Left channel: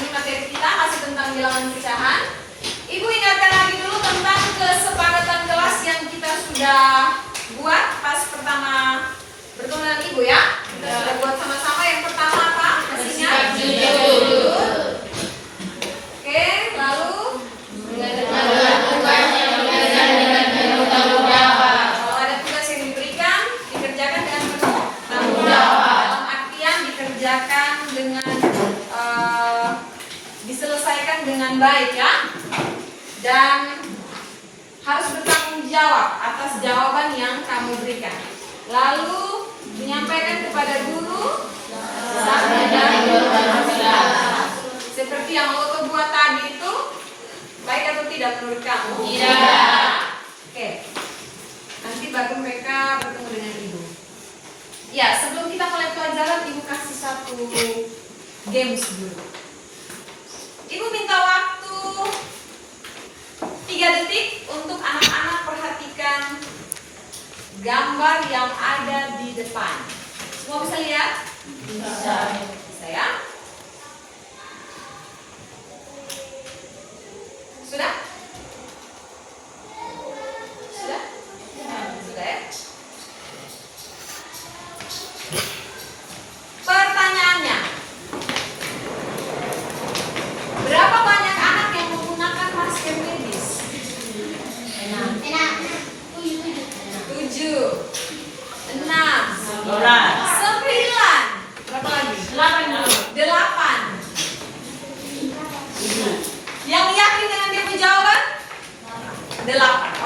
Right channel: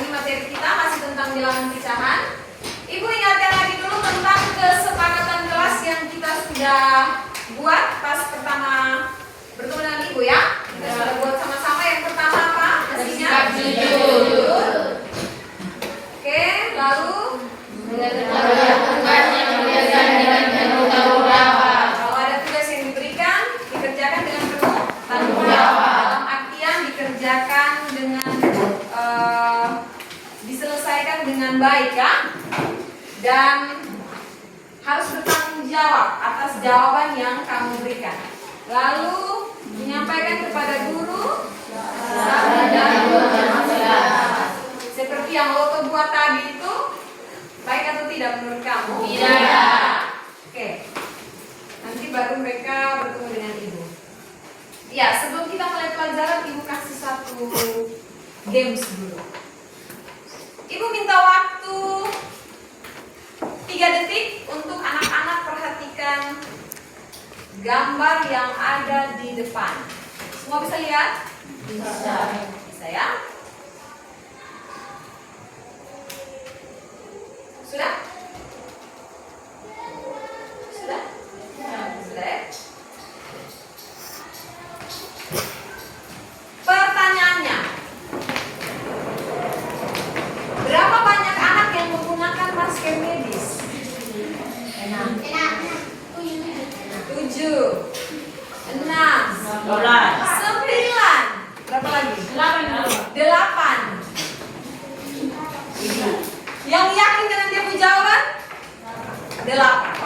ini materi kita masih tentang bilangan pecahan. Ibu ingatkan lagi dulu tentang kesepakatan kelas yang kita sudah buat pas pertama bertemu dengan Ibu ya. Kita sudah buat sama-sama. Yang pertama apa? Masih ingat? Jujur. Oke, lalu kalau ada tugas yang diberikan dikerjakan dengan penuh tanggung jawab. Dalam artian dikerjakan dengan diselesaikan dengan baik ya. Dan harus bertanggung jawab atas jawaban yang kamu berikan. Lalu menyampaikan kepada guru seperti yang Loto buat tadi itu, baik atau tidak menurut kamu? Tidak. Oke. Nanti baru mereka bertemu dengan Ibu. Ya, sebelum kita mulai pelajaran, Ibu kasih satu games dulu. Ibu minta waktu 3 detik untuk anak-anak perhatikan gambar yang ada di depan. Semua bisa lihat? Bisa. Bisa ya? Sudah? Sudah? Sudah ya? Pertanyaannya, berapa banyak anak yang menggunakan masker medis? 7, 6, 9. Berapa lagi? 8. Yang yakin dengan dia punya jawaban? 8.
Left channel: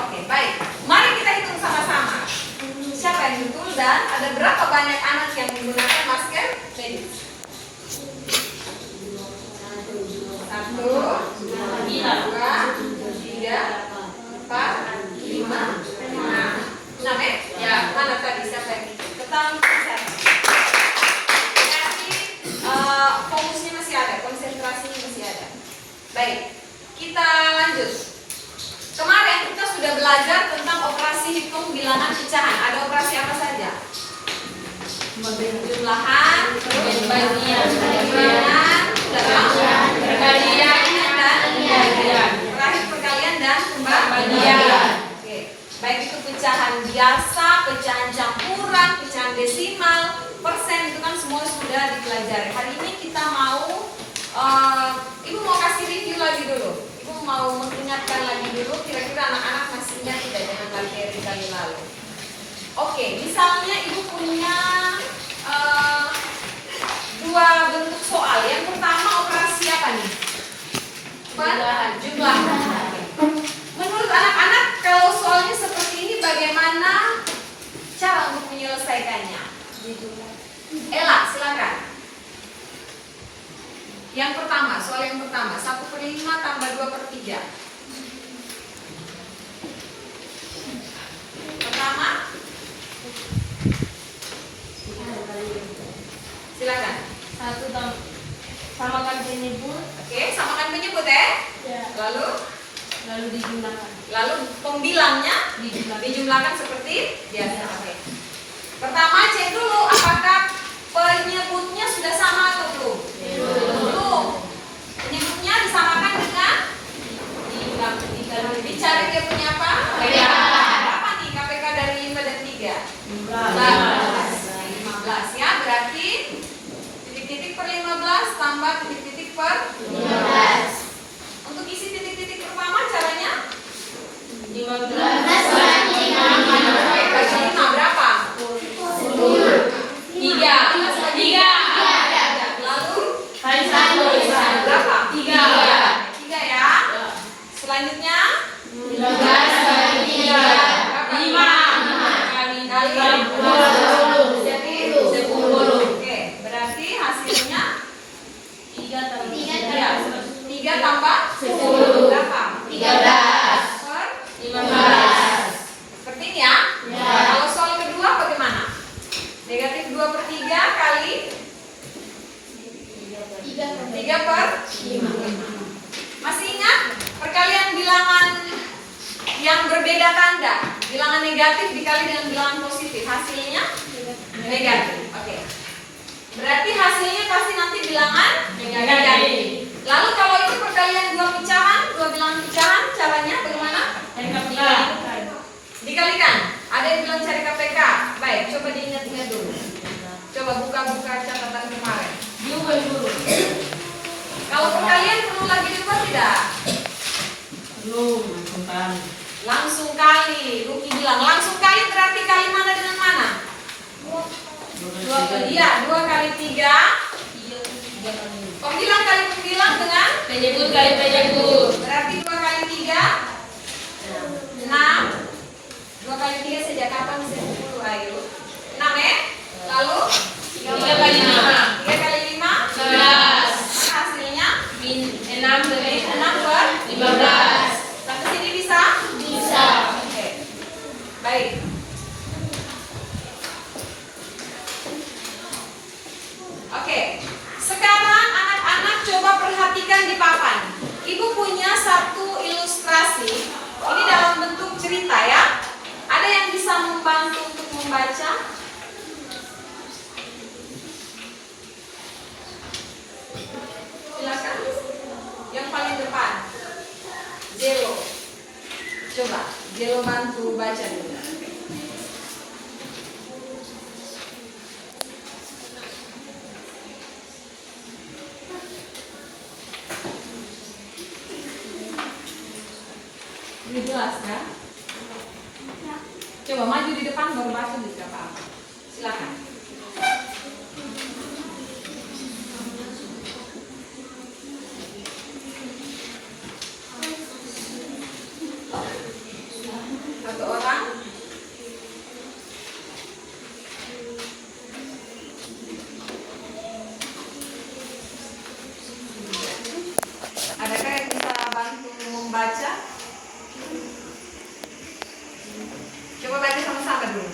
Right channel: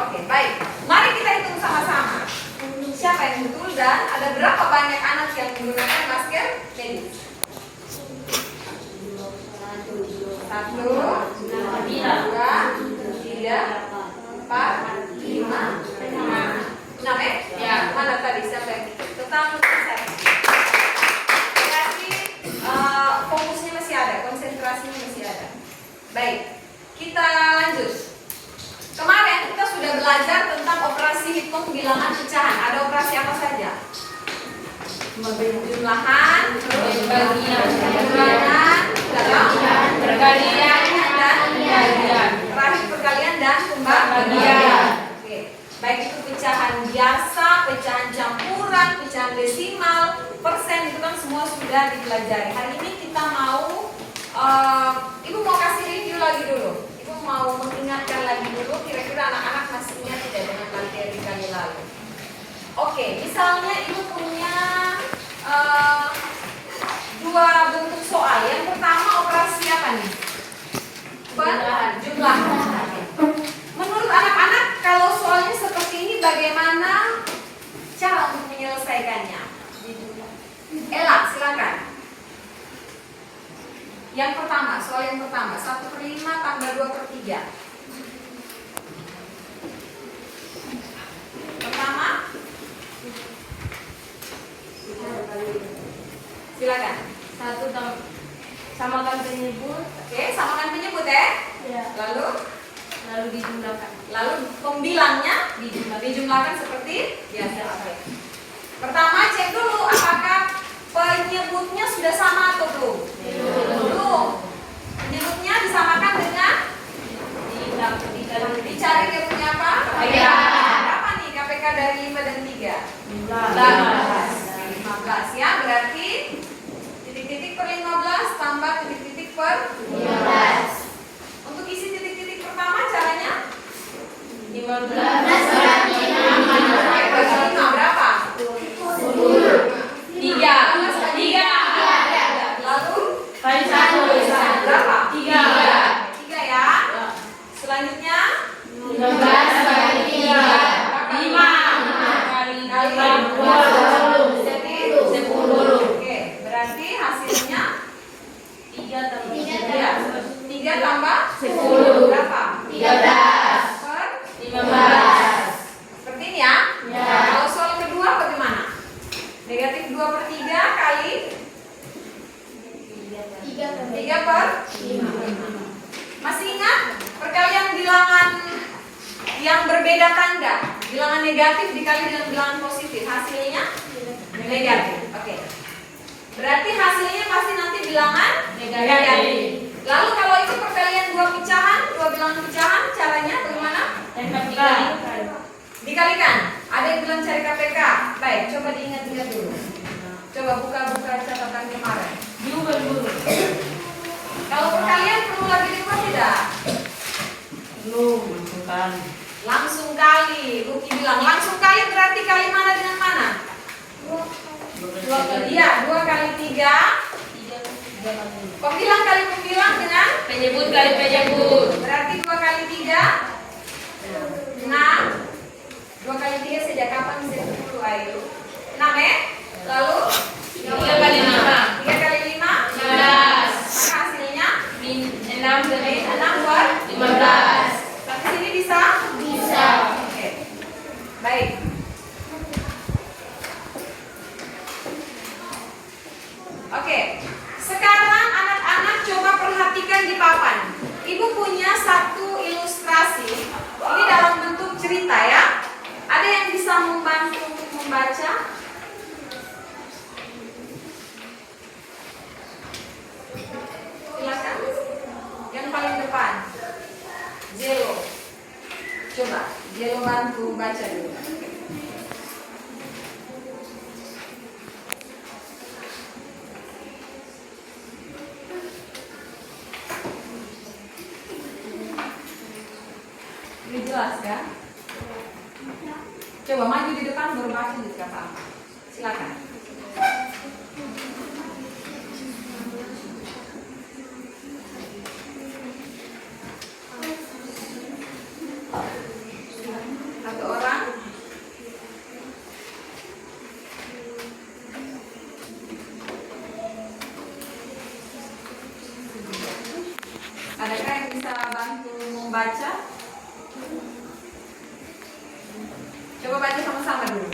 Oke, baik. Mari kita hitung sama-sama. Siapa yang betul dan ada berapa banyak anak yang menggunakan masker medis? 1, 2, 3, 4, 5, 6 ya? Mana tadi siapa yang hitung? Tentang saya. Berarti fokusnya masih ada, konsentrasinya masih ada. Baik, kita lanjut. Kemarin kita sudah belajar tentang operasi hitung bilangan pecahan. Ada operasi apa saja? Jumlahan, pembagian, perkalian, dan terakhir perkalian dan pembagian. Oke, baik itu pecahan biasa, pecahan campuran, pecahan desimal, persen itu kan semua sudah dipelajari. Hari ini kita mau Ibu mau kasih review lagi dulu. Ibu mau mengingatkan lagi dulu, kira-kira anak-anak masih ingat tidak dengan materi kali lalu. Oke, misalnya Ibu punya 2 bentuk soal. Yang pertama operasi apa nih? Jumlah. Menurut anak-anak, kalau soalnya seperti ini bagaimana cara untuk menyelesaikannya? Ella, silakan. Yang pertama, soal yang pertama, 1/5 tambah 2/3. Pertama, silakan. 1 samakan penyebut. Oke, samakan penyebut ya. Lalu dijumlahkan. Lalu pembilangnya dijumlahkan seperti biasa. Oke. Pertama, cek dulu apakah penyebutnya sudah sama atau belum? Belum. Penyebutnya disamakan dengan dicari dia punya apa? Berapa nih KPK dari 5 dan 3? 15 ya, berarti titik-titik per 15 tambah titik-titik per 15. Untuk isi titik-titik pertama caranya? 15 bagi 5 berapa? 3. Lalu Kali 1 berapa? 3 ya. Selanjutnya 15 bagi 3 5 kali 20 jadi 10. Oke, berarti hasilnya 3 tambah 10 berapa? 13 Per 15. seperti ini ya. Kalau soal kedua bagaimana? Negatif 2/3 kali 3/5. Masih ingat perkalian bilangan yang berbeda tanda? Bilangan negatif dikali dengan bilangan positif, hasilnya negatif. Oke. Berarti hasilnya pasti nanti bilangan negatif. KPK. Baik, coba diingat-ingat dulu. Coba buka-buka catatan kemarin. Diubah dulu. Kalau perkalian perlu lagi diubah tidak? Belum, langsung kali. Langsung kali. Ruki bilang langsung kali berarti kali mana dengan mana? 2 kali. Iya, 2 kali 3. Penghilang kali penghilang dengan Penyebut kali penyebut. berarti 2 kali 3 6. 2 kali 3 sejak kapan saya 10 ayo? 6 ya? Lalu 3 kali 5. 3 kali 5 11. hasilnya 6 dari 6 per 15. sampai sini bisa? Bisa. Oke. Baik. Oke. Sekarang anak-anak coba perhatikan di papan. Ibu punya satu ilustrasi. Ini dalam bentuk cerita ya. Ada yang bisa membantu untuk membaca? Silakan. Yang paling depan. Jelo. Coba, Jelo bantu baca dulu. Ini jelas kan? Coba maju di depan baru baca di kata apa. Silakan. Satu orang. Adakah yang bisa bantu membaca? Coba baca sama-sama dulu.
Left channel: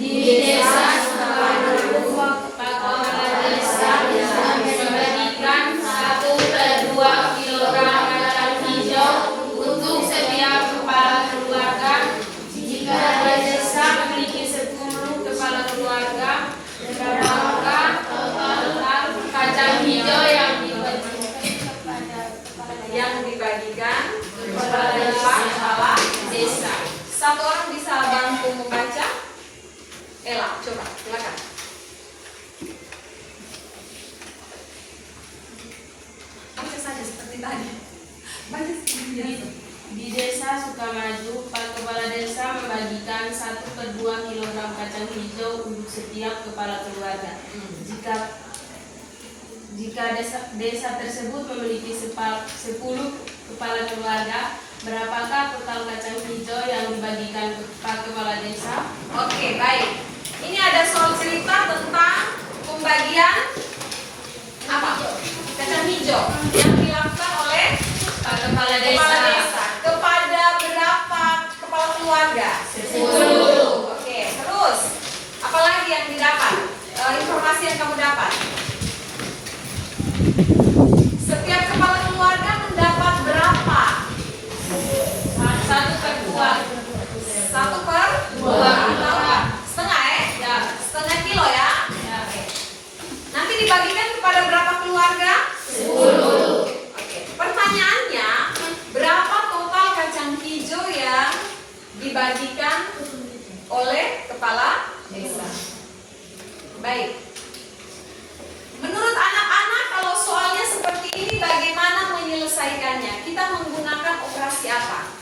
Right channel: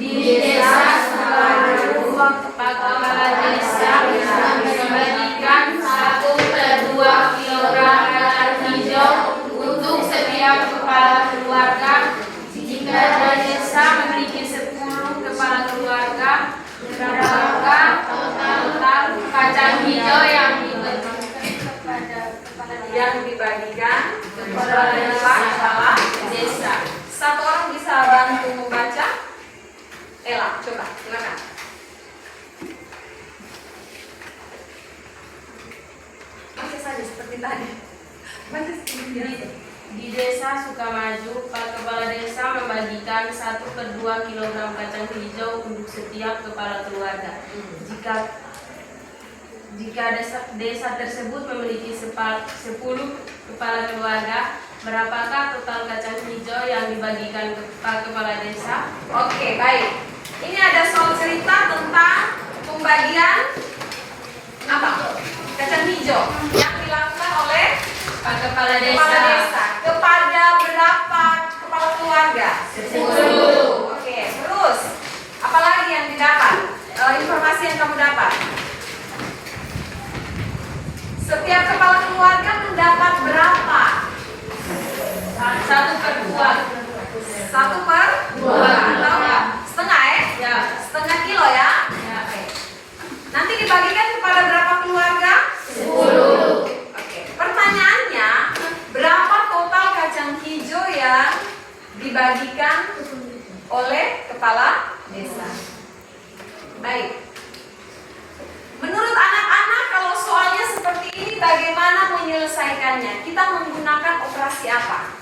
Di desa Sukamaju, kepala desa membagikan 1/2 kilogram kacang hijau untuk setiap kepala keluarga. Jika desa memiliki 10 kepala keluarga, berapakah total kacang hijau yang dibagikan kepada kepala desa? Satu orang bisa bantu membaca? Ella, coba, silakan. Baca saja seperti tadi. Baca seperti biasa. Di desa Sukamaju, kepala desa membagikan 1/2 kilogram kacang hijau untuk setiap kepala keluarga. Jika desa tersebut memiliki 10 kepala keluarga, berapakah total kacang hijau yang dibagikan kepada kepala desa? Oke, baik. Ini ada soal cerita tentang pembagian apa? Kacang hijau yang dilakukan oleh Kepala kepala desa. desa kepada berapa kepala keluarga? 10. Oke, terus apalagi yang didapat? Informasi yang kamu dapat? Setiap kepala keluarga mendapat berapa? 1/2. 1/2 atau setengah ya? Ya. Setengah kilo ya? Oke. Nanti dibagikan kepada berapa keluarga? 10. Oke. Pertanyaannya, berapa total kacang hijau yang dibagikan oleh kepala desa? Baik. Menurut anak-anak, kalau soalnya seperti ini, bagaimana menyelesaikannya? Kita menggunakan operasi apa?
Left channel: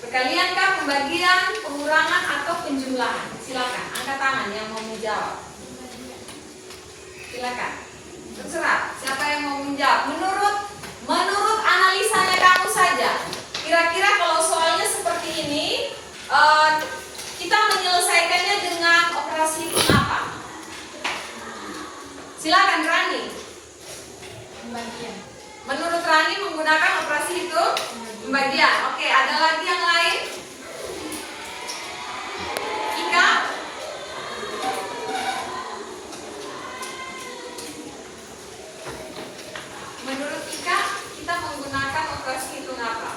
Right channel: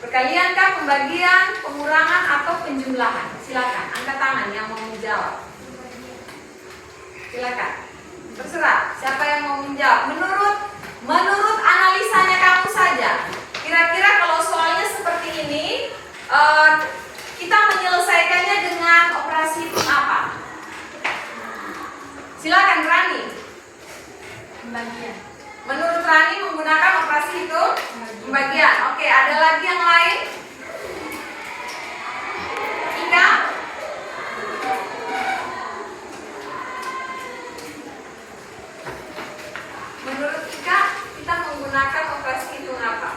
Perkaliankah, pembagian, pengurangan, atau penjumlahan? Silakan, angkat tangan yang mau menjawab. Silakan, terserah siapa yang mau menjawab. Menurut analisanya kamu saja, kira-kira kalau soalnya seperti ini, kita menyelesaikannya dengan operasi apa? Silakan Rani. Pembagian. Menurut Rani menggunakan operasi itu pembagian. Oke, ada lagi yang lain? Ika? Menurut Ika, kita menggunakan operasi hitung apa?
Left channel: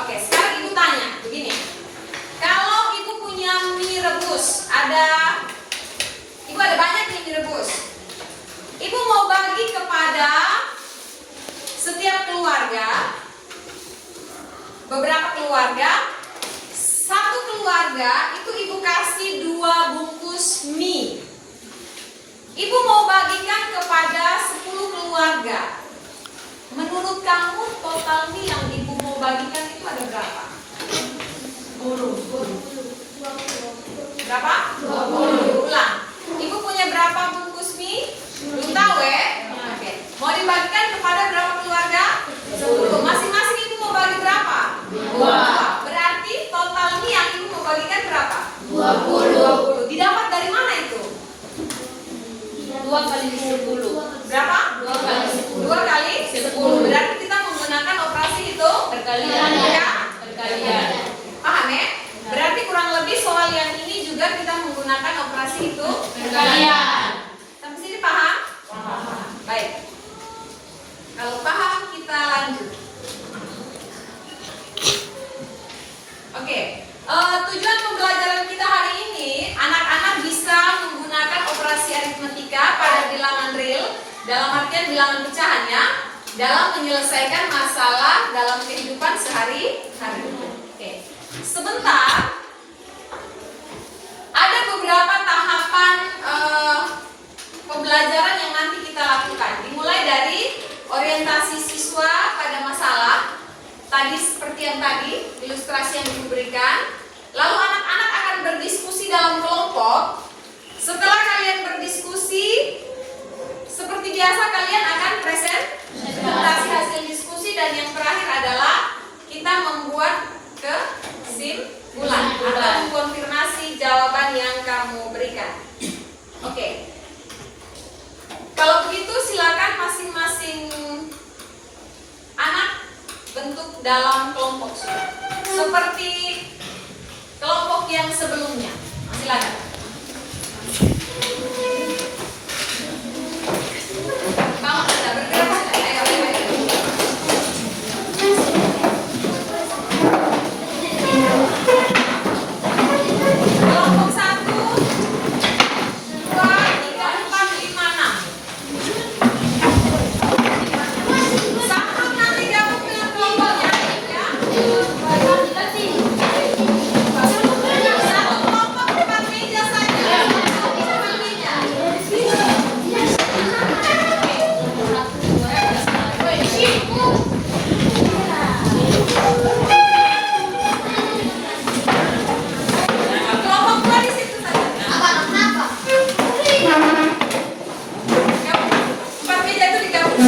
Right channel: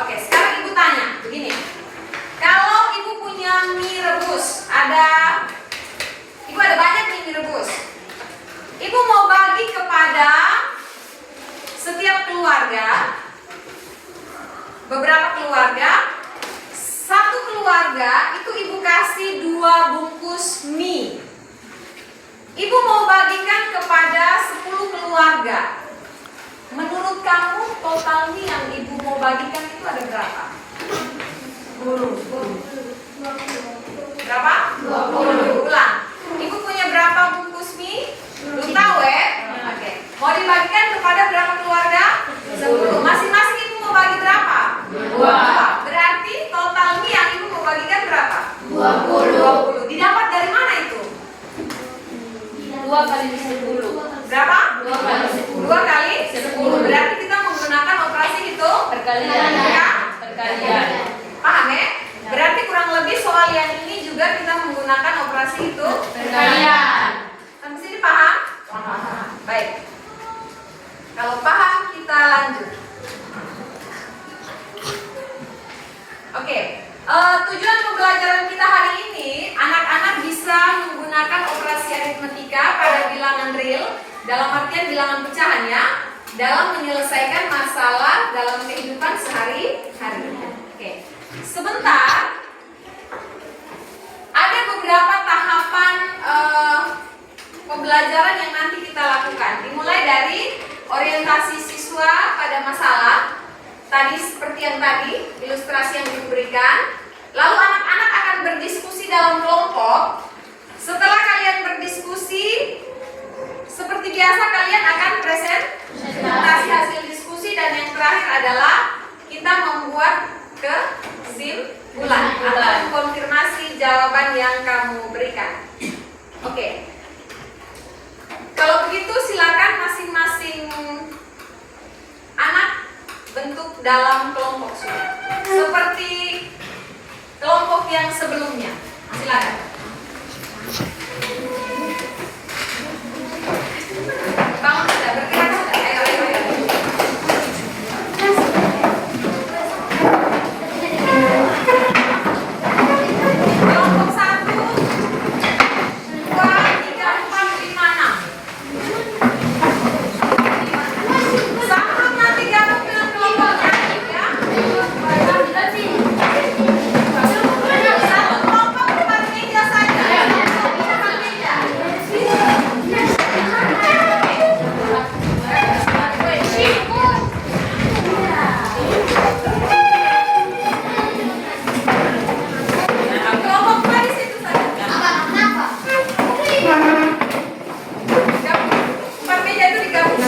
Oke, sekarang ibu tanya begini. Kalau ibu punya mie rebus, ibu ada banyak nih mie rebus. Ibu mau bagi kepada setiap keluarga beberapa keluarga. Satu keluarga itu ibu kasih 2 bungkus mie. Ibu mau bagikan kepada 10 keluarga. Menurut kamu total mie yang ibu mau bagikan itu ada berapa? 10. Berapa? 20. Ulang. Ibu punya berapa bungkus mie? Belum tahu ya? Oke. Mau dibagikan kepada berapa keluarga? 10. Masing-masing ibu mau bagi berapa? 2. Berarti total mie yang ibu mau bagikan berapa? 20. Didapat dari mana itu? 2 kali 10. Berapa? 2 kali 10. 2 kali 10. Berarti kita menggunakan operasi itu Perkalian. ya? Perkalian. Paham ya? Berarti kurang lebih soal yang ini juga kita menggunakan operasi itu Perkalian. Sampai sini paham? Paham. Baik. Kalau paham kita lanjut. Oke. Tujuan pembelajaran kita hari ini, anak-anak bisa menggunakan operasi aritmetika pada bilangan real, dalam artian bilangan pecahannya, dalam menyelesaikan masalah dalam kehidupan sehari-hari. Oke. Sebentar, ada beberapa tahapan pembelajaran yang nanti kita lakukan. Dimulai dari orientasi siswa pada masalah, tadi seperti yang tadi, ilustrasi yang diberikan. Lalu anak-anak akan berdiskusi dalam kelompok. Setelah kalian berdiskusi, seperti biasa kalian akan presentasi hasil diskusi, dan yang terakhir adalah kita membuat kesimpulan atau mengkonfirmasi jawaban yang kamu berikan. Oke. Kalau begitu silakan masing-masing anak bentuk dalam kelompok sudah. Seperti kelompok yang sebelumnya. Silakan. Bangun sudah, bergerak sudah. Ayo. Kelompok 1, 2, 3, 4, 5, 6. Sebelum nanti gabung dengan kelompok yang lain ya. Satu kelompok depan meja saja. Depan meja. Kelompok 2 di situ saja. Gabung. Depan meja itu digabung.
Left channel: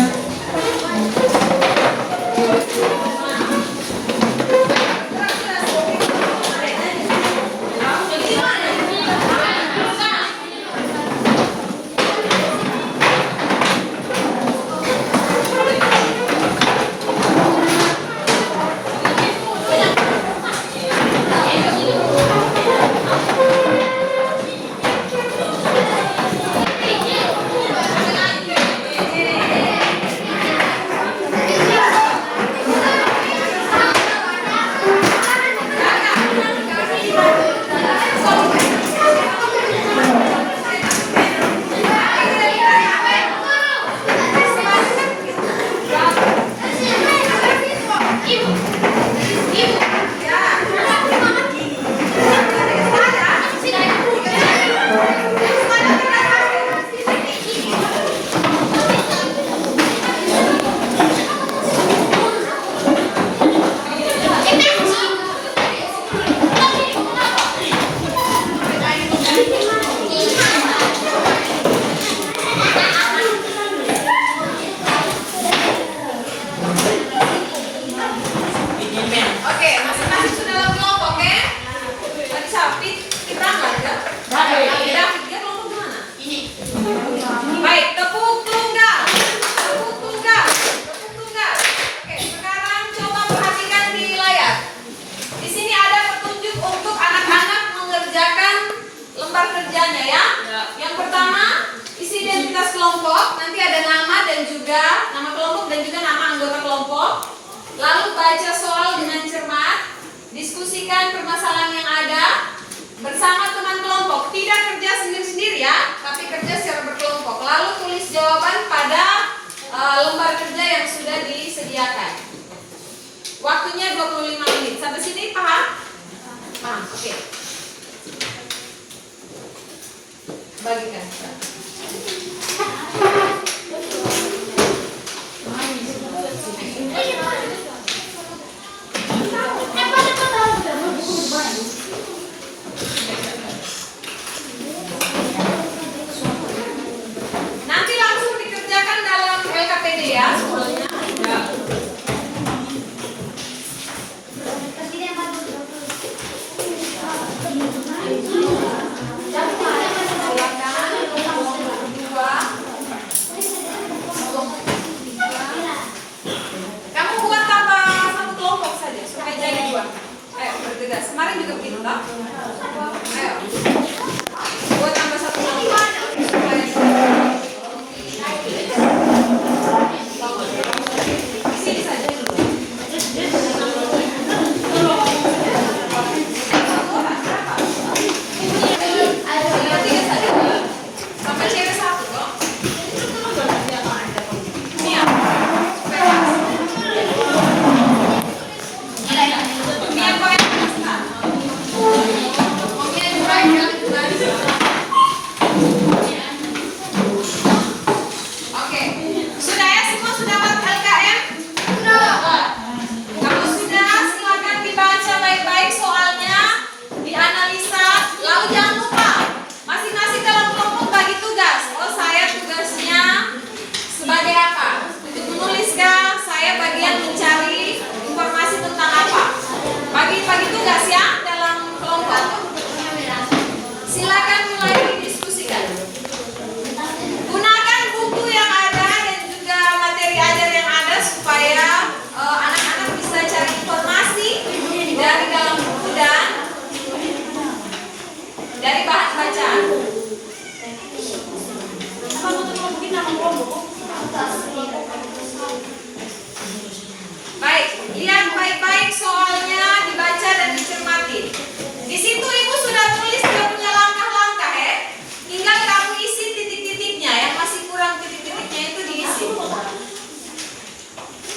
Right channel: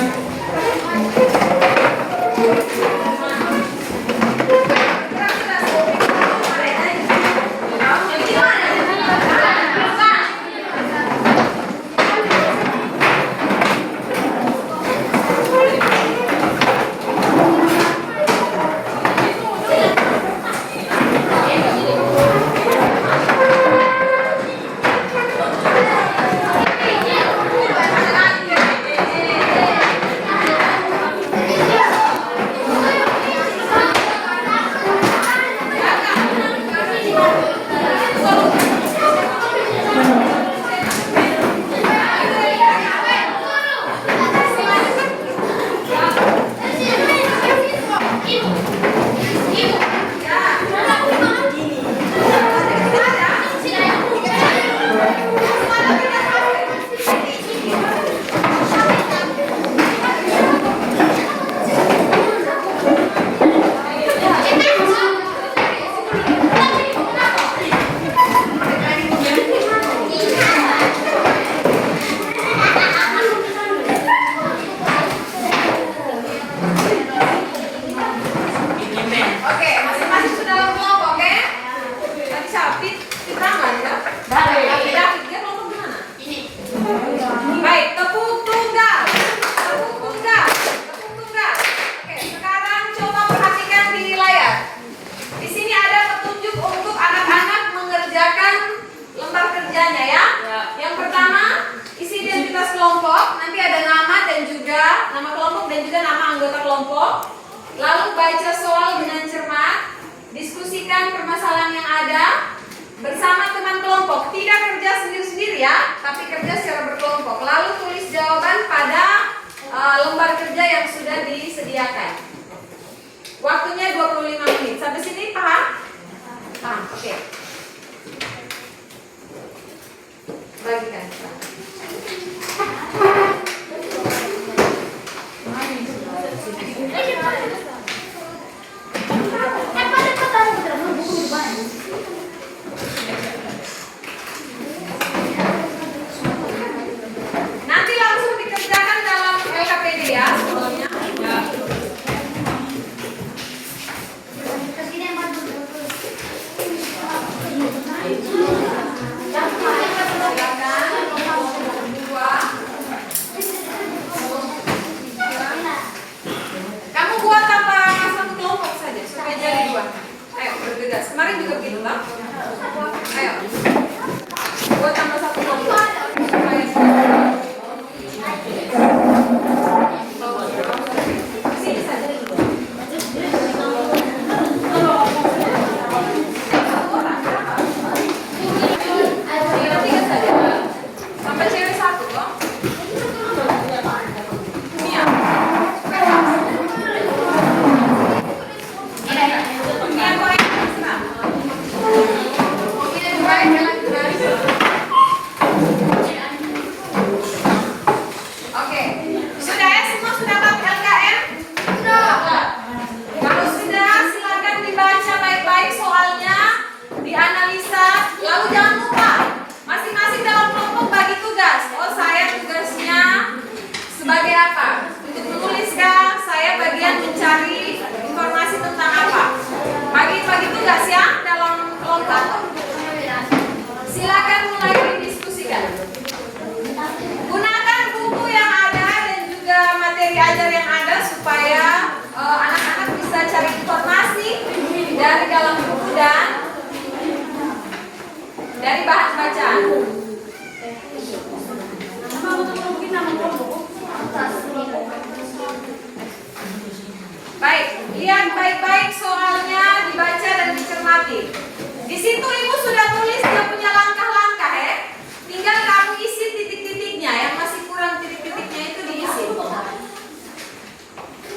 Oke, masing-masing sudah dalam kelompok ya? Tadi siapa? Kita nggak ya? David, dia kelompok mana? Ini. Baik, tepuk tunggal. Tepuk tunggal. Tepuk tunggal. Oke, sekarang coba perhatikan di layar. Di sini ada petunjuk untuk anak-anak mengerjakan lembar kerjanya ya. Yang pertama, isi identitas kelompok. Nanti ada nama dan juga nama kelompok dan juga nama anggota kelompok. Lalu baca soal dengan cermat, diskusikan permasalahan yang ada bersama teman kelompok. Tidak kerja sendiri-sendiri ya, tapi kerja secara berkelompok. Lalu tulis jawaban pada lembar kerja yang sudah disediakan. Waktunya 25 menit. Paham? Oke. Bagikan. Nanti langsung dikerjakan dalam LKPD ya semuanya. Ya. Kamu buat tambah satu kelompok saja supaya jadi 2. Ayo bergegas. Kemarin juga begitu toh? Ayo. Buat tambah satu kelompok. Supaya sini saja. Tiga saja. Sampai cewek 1 kok. Mia. Oke, sudah ya semua sudah dapat LKM? Sudah. Kalau sudah silakan dibaca baik-baik soalnya, dianalisa, lalu jangan lupa masing-masing dalam kelompok bagi tugas. Oh saya tugasnya sebagai apa? Untuk menulis kah? Saya bagian mencari informasi tentang apa? Bagi tugas ya dalam kelompok. Silakan mulai didiskusikan. Gunakan buku yang ada dan juga materi ajar yang ada supaya anak-anak bisa cari informasi dari dalam buku dan dari bahan bacaan. Baik, lihat baik-baik soalnya, dibaca dan dicermati. Di situ ibu sudah tulis dia punya langkah-langkah ya. Tinggal kamu isi titik-titiknya, yang masih kurang titik-titiknya itu diisi.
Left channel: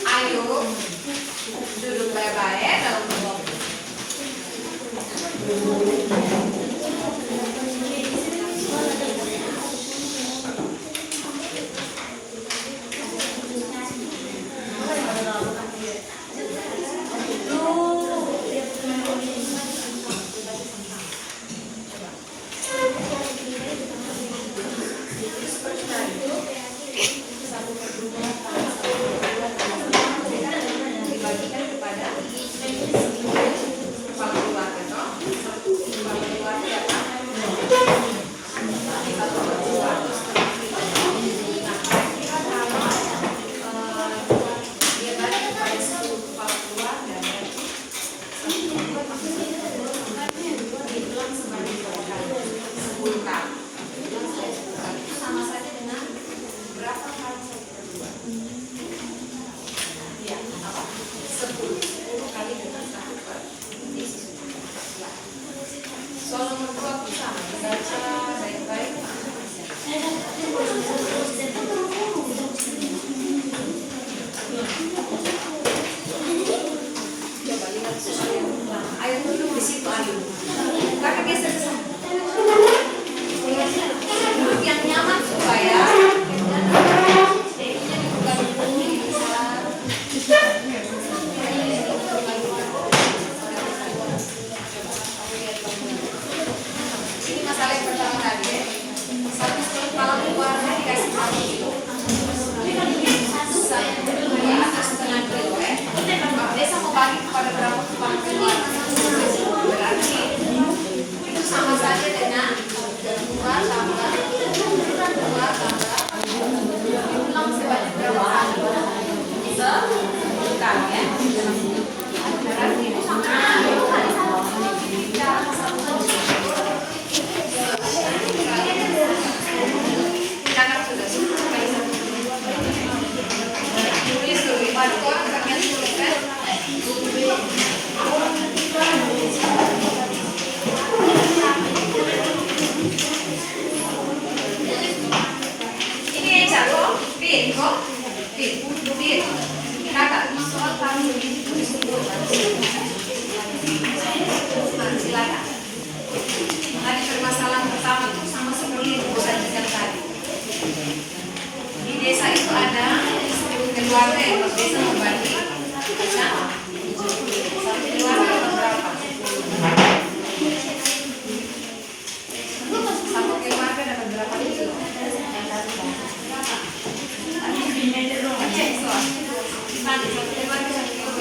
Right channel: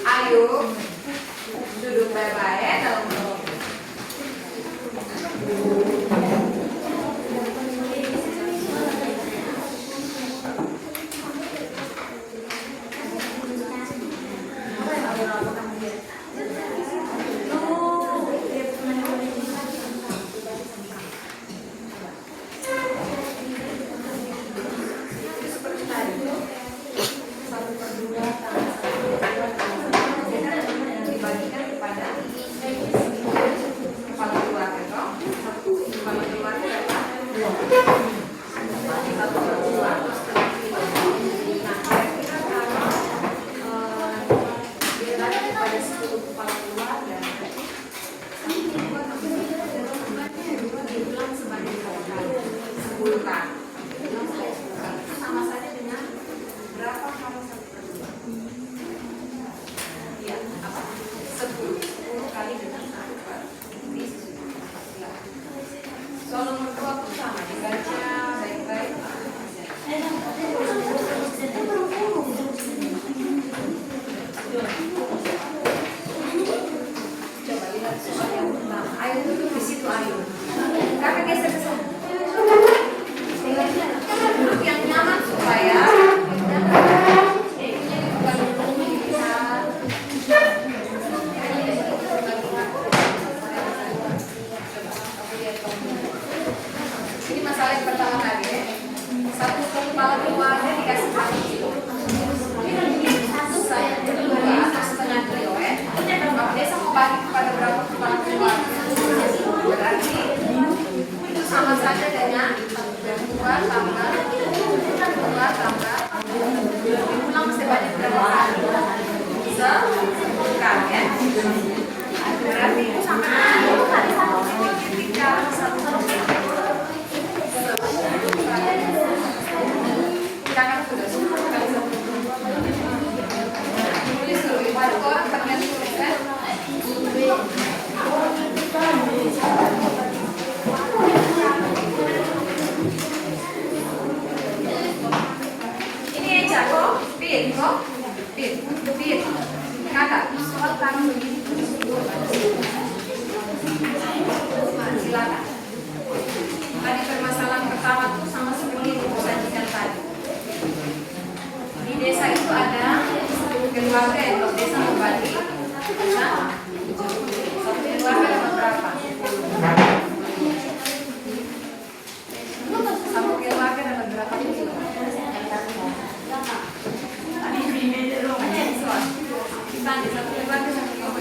Ayo, duduk baik-baik dalam kelompok. Silakan. Tadi permasalahan pertama itu sama seperti yang Ibu sajikan tadi. Di desa itu ada 10 keluarga yang per desa membagi kacang hijau. Satu keluarga dapat berapa? Satu keluarga dapat berapa kilo? Tadi satu keluarga satu kilo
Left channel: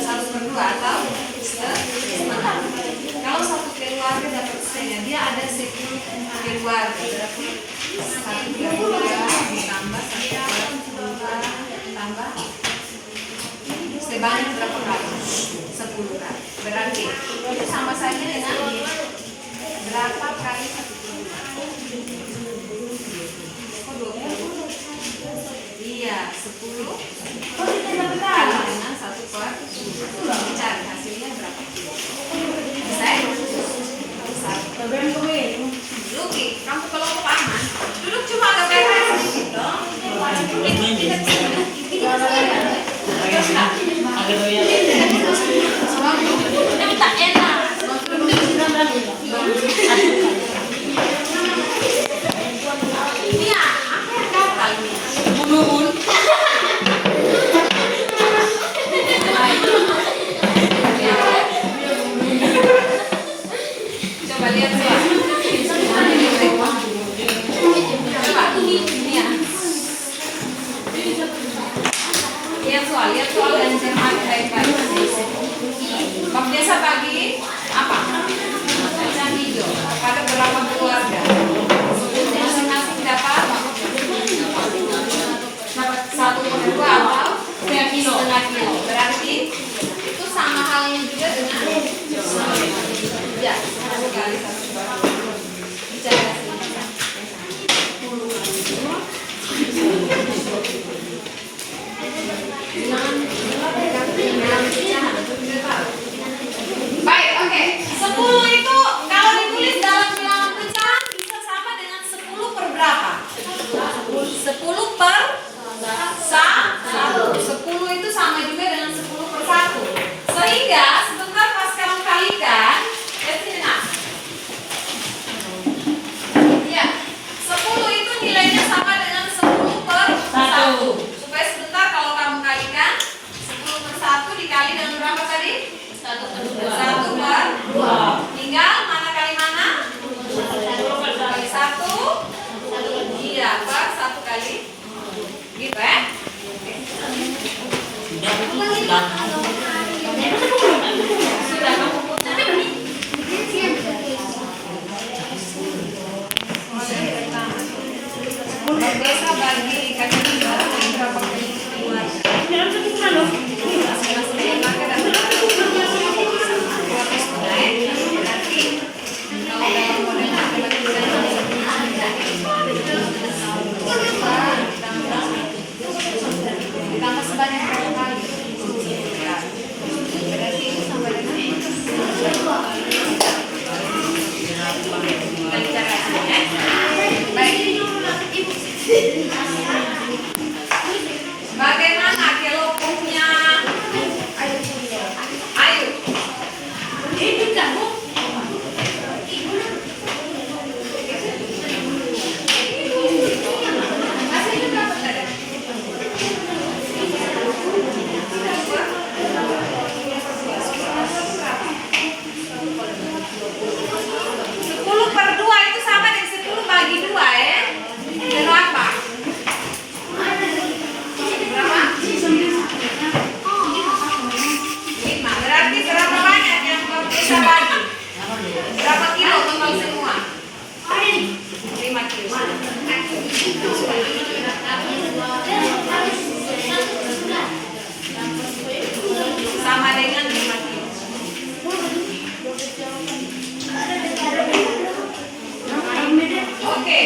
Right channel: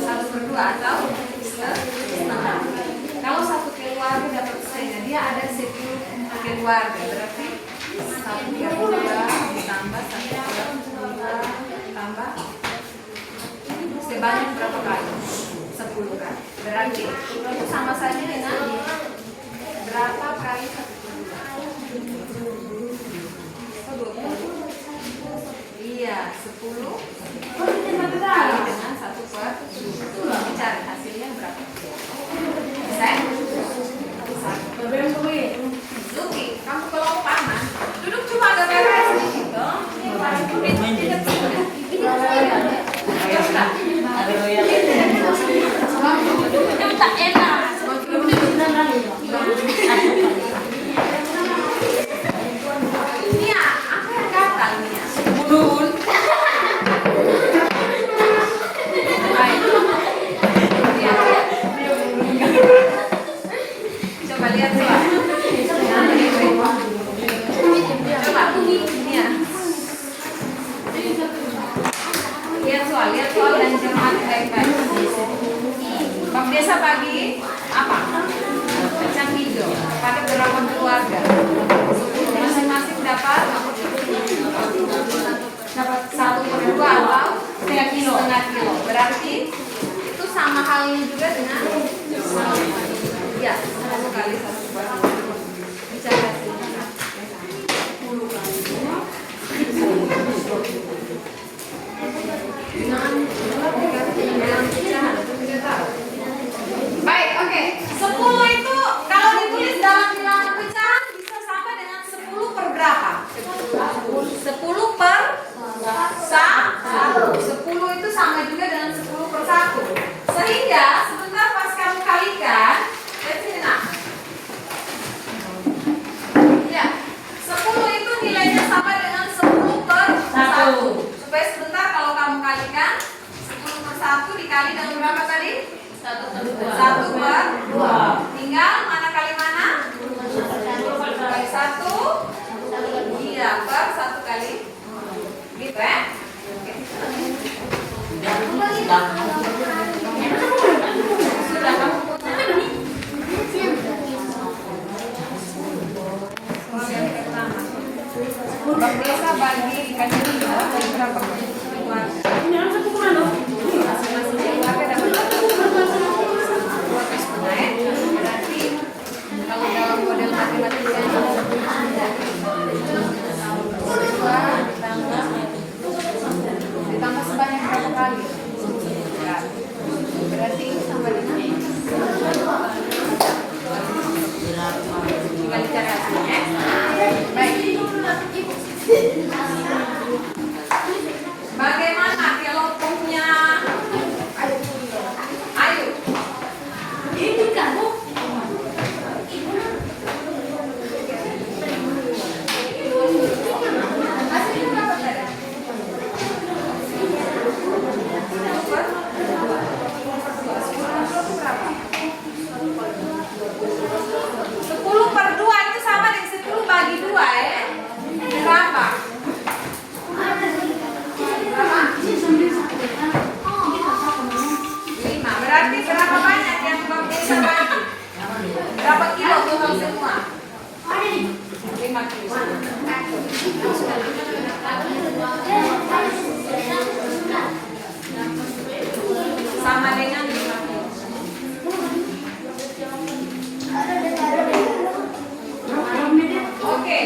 satu per dua atau setengah. Kalau satu keluarga dapat setengah, dia ada 10 keluarga, berarti satu keluarga ditambah satu keluarga tambah sebanyak berapa kali? 10 kali. Berarti itu sama saja dengan berapa kali satu keluarga? Kok 20? Iya, 10 kali dengan 1 per 2. Cari hasilnya berapa? Bisa ya? Luki, kamu kalau paman, duduk cuma agak beres sedikit dong. Yang tak enak. Mia, apa yang gatal Mia? Budun. Coba lihat tuh. Coba Mia. Lihat soal dan cermat baik-baik. Bab desa bagi apa? Kacang hijau pada berapa keluarga? Masing-masing dapat 1 per 2 atau 1,5 kilo. Berarti itu sama halnya juga dengan ya 10 kali 1 per 2. Bicara sini. 10 Baik, oke. 10 itu kalau ditulis dalam bilangan pecahan bisa sama dengan 10 per berapa? 10 per 1. 10 itu sama juga dengan 10 per 1. Sehingga sebentar pas kamu kalikan, lihat sini nak. Ya, 10 itu nilainya sama dengan 10 per 1. Supaya sebentar kalau kamu kalikan 10 per 1 dikali dengan berapa tadi? 1 per 2. Tinggal mana kali mana? Kali 1. Iya, per 1 kali. Gitu ya. Sudah kamu putar. Bab desa bagi kacang hijau berapa keluarga? Masing-masing keluarga dapat 2,5. Berarti kalau dalam model matematika itu ditambah sebanyak berapa kali? 10 kali. Berarti itu sama dengan tinggal bicara ya. Baik. Bagaimana kelopungnya? Ayo. Ini kamu. Berapa kilo total semua? 5 kilo. Sama dengan 5 kilo. Oke.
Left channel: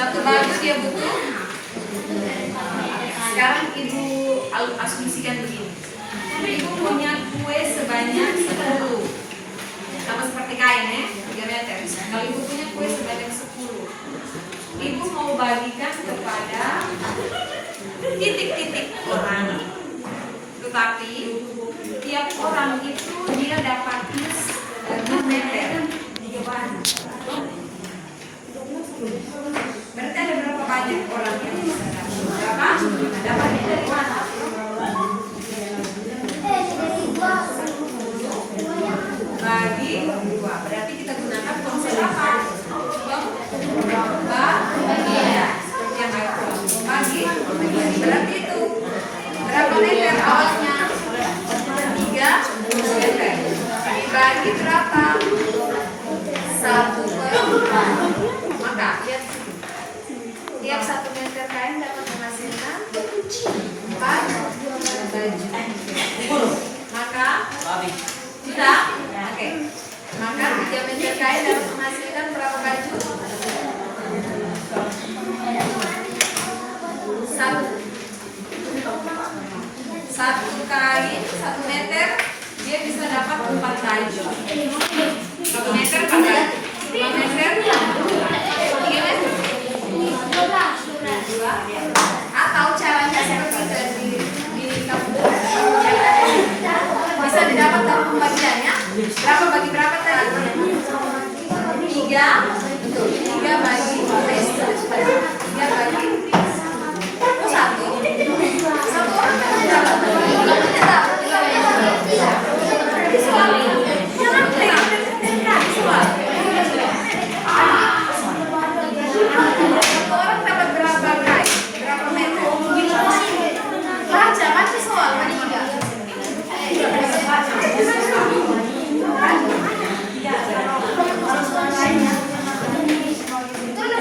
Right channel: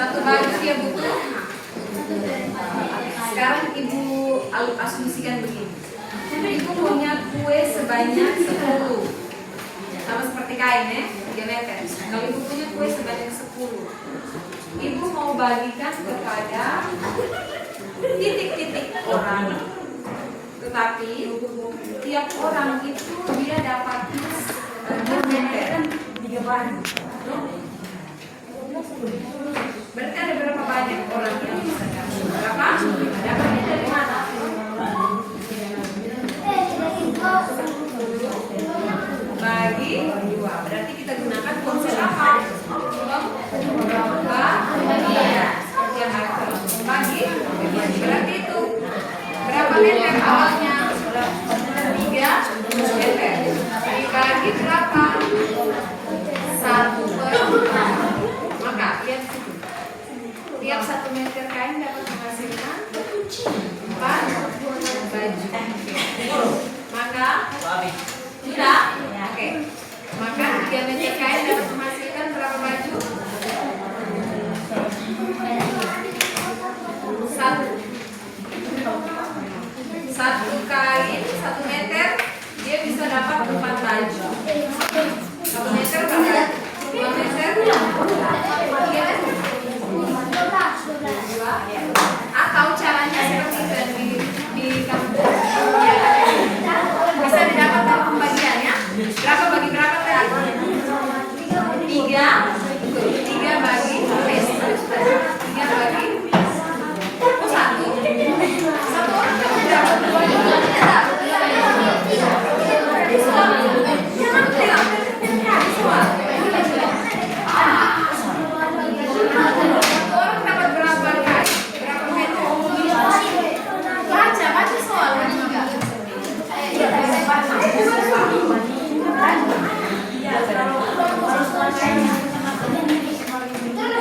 Satu baju dia butuh. Sekarang ibu asumsikan begini. Ibu punya kue sebanyak 10. Sama seperti kain ya, 3 meter. Kalau ibu punya kue sebanyak 10, ibu mau bagikan kepada titik-titik orang. Tetapi tiap orang itu dia dapatnya 2 meter. 3 baju. Berarti ada berapa banyak orang yang bisa dapat? Berapa? Dapatnya dari mana? Bagi 2. Berarti kita gunakan konsep apa? Bagian. Seperti yang aku bagi. Berarti itu berapa meter awalnya? 3 meter. Dibagi berapa? 1/4. Maka lihat situ. Tiap 1 meter kain dapat menghasilkan 4 baju. Maka sudah? Oke. Maka 3 meter kain dapat menghasilkan berapa baju? 1 kain 1 meter dia bisa dapat 4 baju. 1 meter pakai 2 meter 3 meter 2. Atau caranya seperti itu di kampung bisa didapat dari pembagiannya. Berapa bagi berapa tadi? 3. Betul. 3 bagi 3 bagi 1. 1 orang dapat berapa?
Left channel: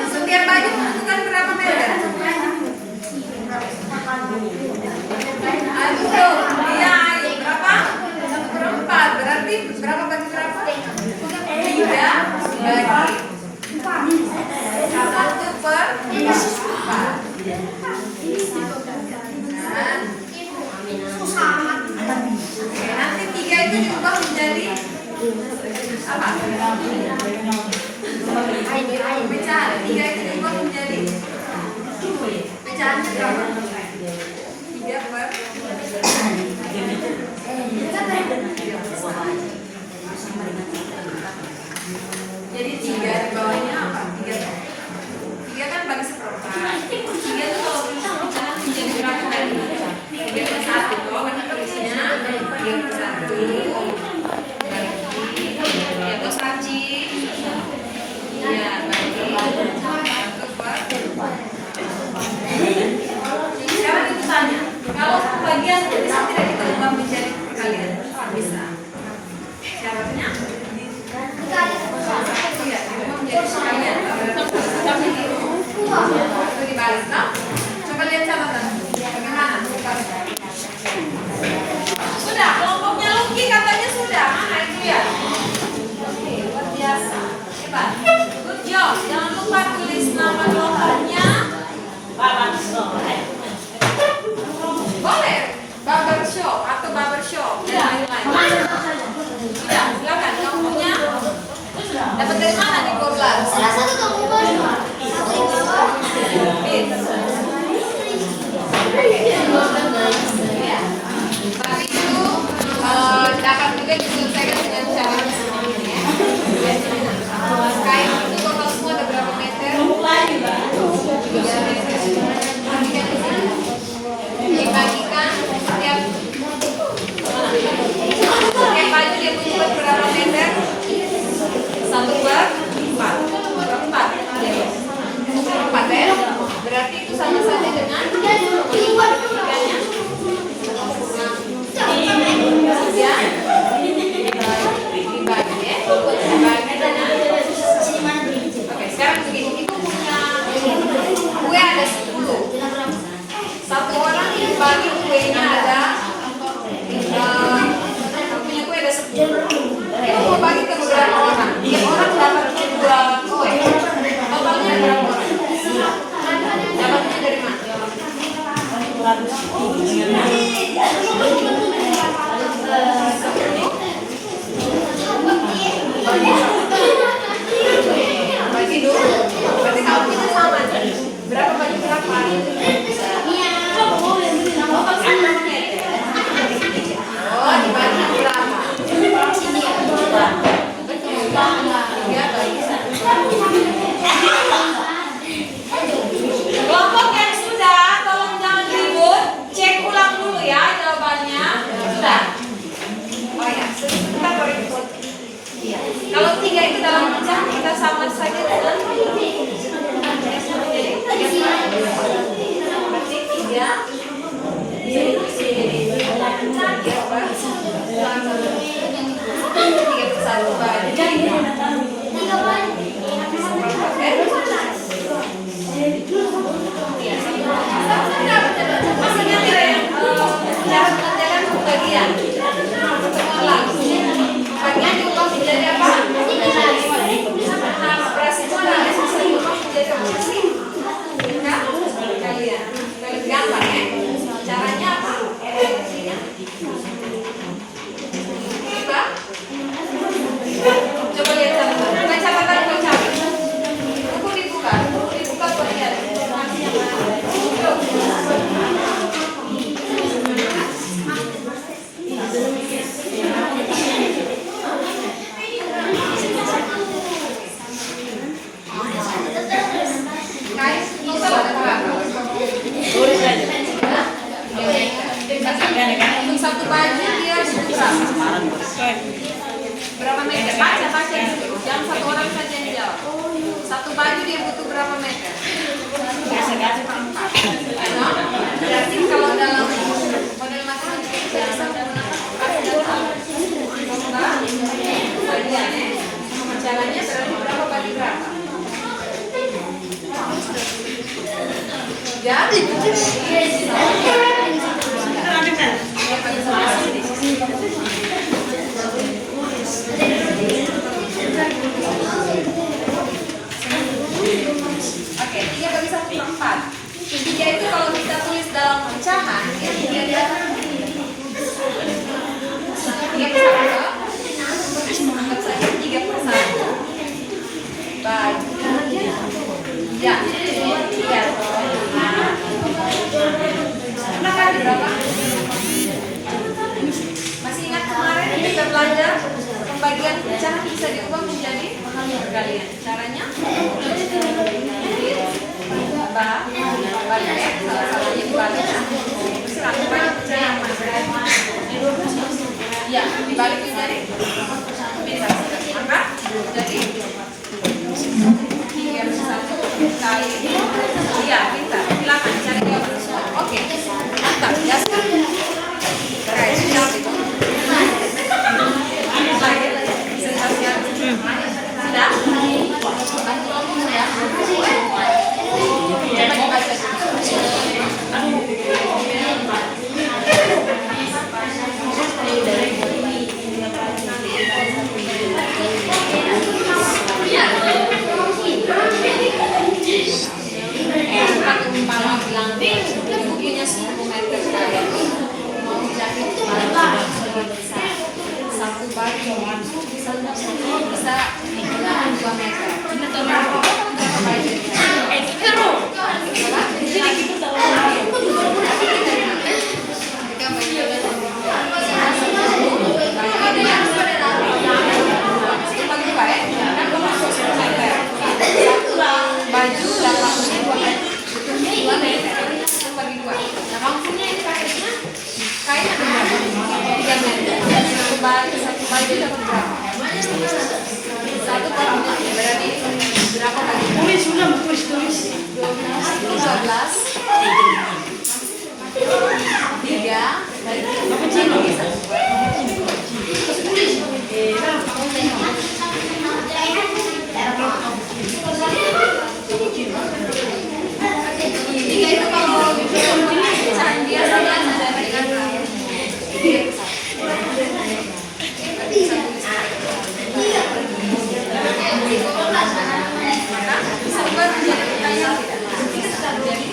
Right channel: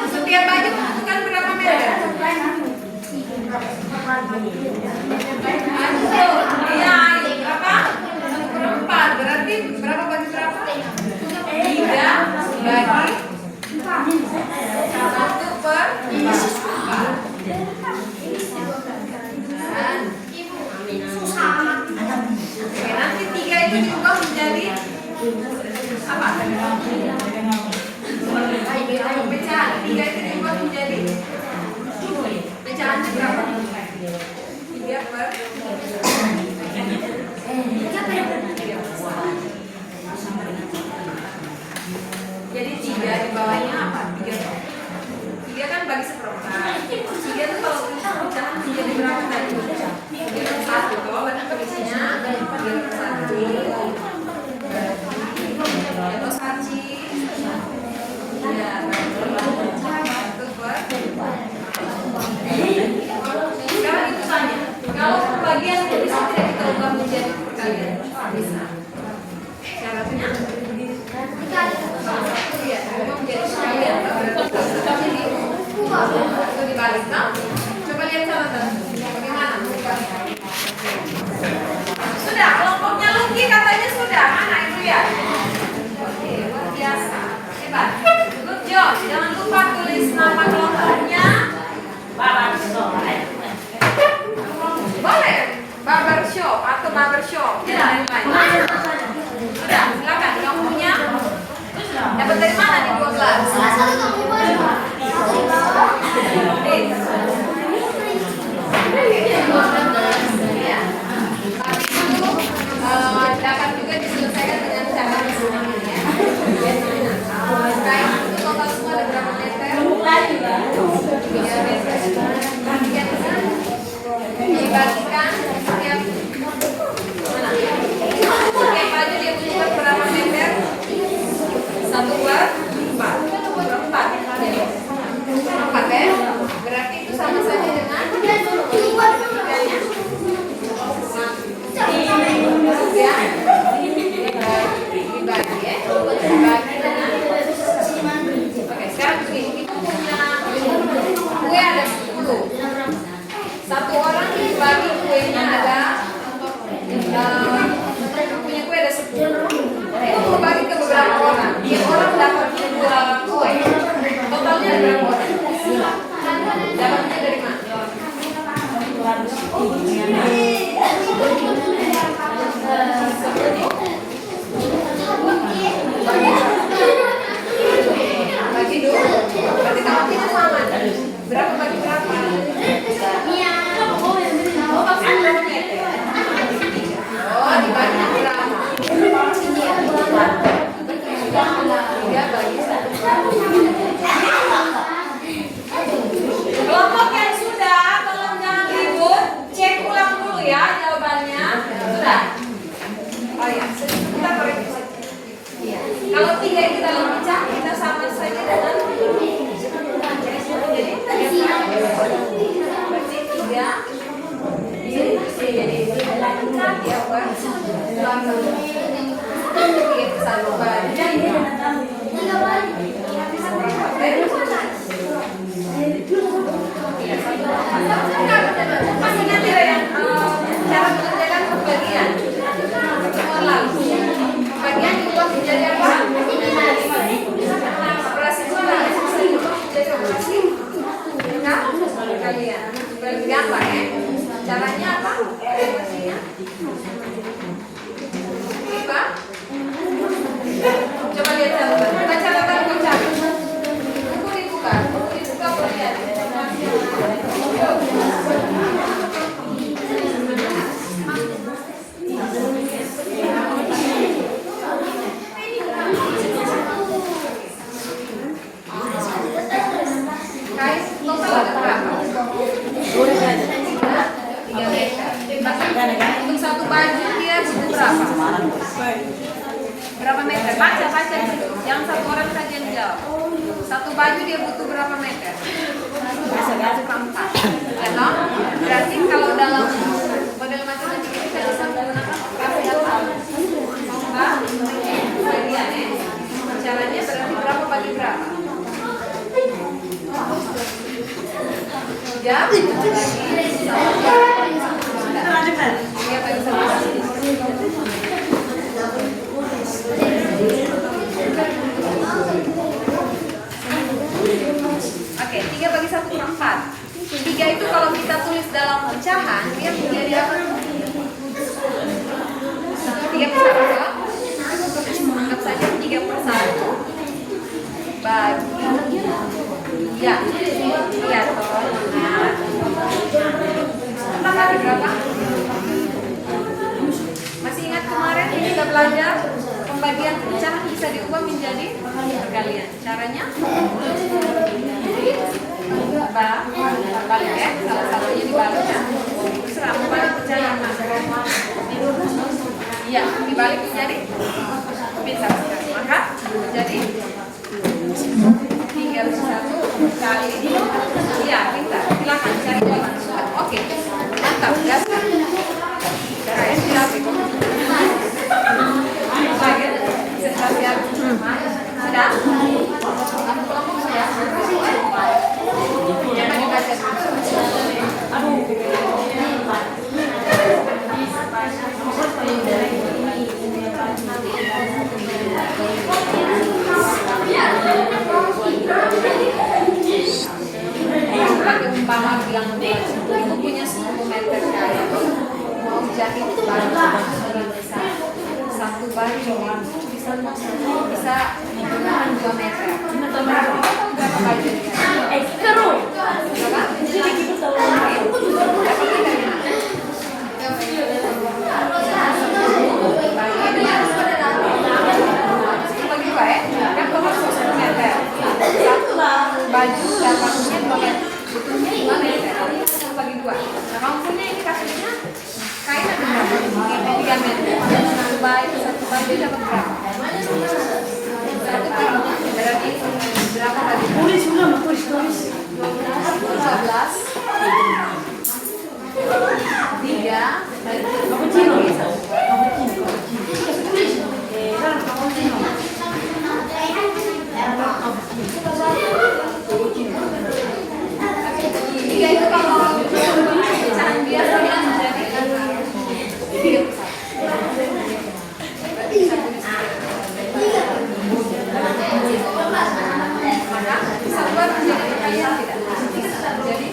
Setiap baju membutuhkan berapa meter? Ayo, iya, ayo. Berapa? 1/4. Berarti berapa bagi berapa? 3 bagi 1/4. Oke, nanti 3 itu diubah menjadi apa? Pecahan. 3 itu dibuat menjadi pecahannya berapa? 3/. Jadi 3 di bawahnya apa? 3 kan bagi 1/4. 3 itu kalau pecahan menjadi berapa kali? 3/1. Kalau berarti tulisnya 3/1. Itu saci. Ya, sekarang itu tanya, kalau pembagian bisa tidak kita ubah menjadi perkalian? Bisa. Syaratnya? Iya, ubah menjadi perkalian. Itu dibalik, no? Coba lihat catatan. Bagaimana? Sudah, kelompoknya Luki katanya sudah. Mana itu ya? Oke, luar biasa. Hebat. Good job. Jangan lupa tulis nama kelompoknya. Boleh. Barbershop atau barbershop dan lain-lain. Sudah, silakan. Kamu punya? Dapat dari mana nih 12? Dapat juga diselesaikan dengan cara yang seperti ini ya. Kain itu total semua ada berapa meter? 3 meter. Bagikan ke sini. Dibagikan setiap mana? Setiap baju dia butuhkan berapa meter? 1/4. 4 ya? Berarti itu sama saja dengan dibaganya. Ya, dibagi ya. Dibagi dengan. Oke, sekarang begini. Ibu punya kue ada 10. 1 orang dibagi kuenya ada. Punya kue ada 10. Ibu mau bagi ke beberapa orang. Tiap orang dapat 2 kue. Totalnya ada berapa orang? Kain total ada berapa? 3 meter. Untuk satu baju dia butuh berapa? Berapa meter? Baca di situ. Jangan satu orang saja yang jawab. Satu baju dia butuh berapa meter? Ya, no? Berarti kalau dalam model matematika kita bisa menggunakan operasi apa? Enggak? Bagiannya. Caranya berarti berapa bagi berapa? Ya? Oke, 3 bagi 1/4. 3 itu kalau kita tulis dalam pecahan, dia menjadi apa? 3/1. Anggap saja 3/1. Bagi. Ya, iya toh. Nah, berapa? Masih ingat kemarin kita belajar pembagian pecahan bisa diubah menjadi perkalian. Caranya? Bagi X, salah-salahnya dibalik. Terserah, bagi pecahan ya, dibalik menjadi maka jadi 3/1 kali iya, pintar. Silakan cari jawaban. Oke, mantap ya. Oke, siap itu. Slide presentasian. Sudah? Ya. Coba dibaca umpama bilang ibu punya 10 meter kain, mau jahit baju satu baju bisa digunakan 2 meter. Berapa baju? Jadi kita tahu. Baju dapatnya 2 meter, butuhnya 2 meter, bagi 2. Nah, kamu punya ini kainnya, kain ada berapa? 3 meter. Satu baju dapat berapa? 1/4. Berarti berapa bagi? 12. 3 bagi 3 itu kalau pecahan biasanya menjadi 3/1. Maka bisa buat menjadi pertanyaan tidak? Bisa. Jadi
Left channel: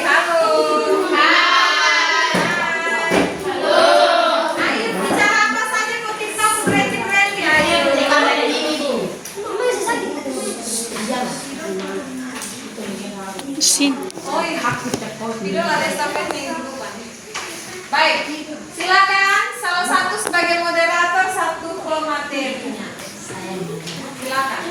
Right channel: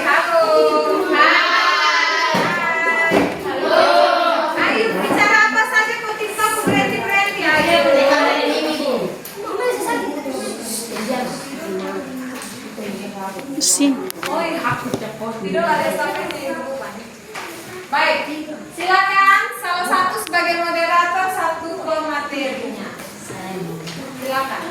halo. Hai. Ayo bicara apa saja kok TikTok berhenti. Ayo. Sim. Oh iya. Video ada sampai minggu depan. Baik, silakan salah satu sebagai moderator, satu materinya. Silakan.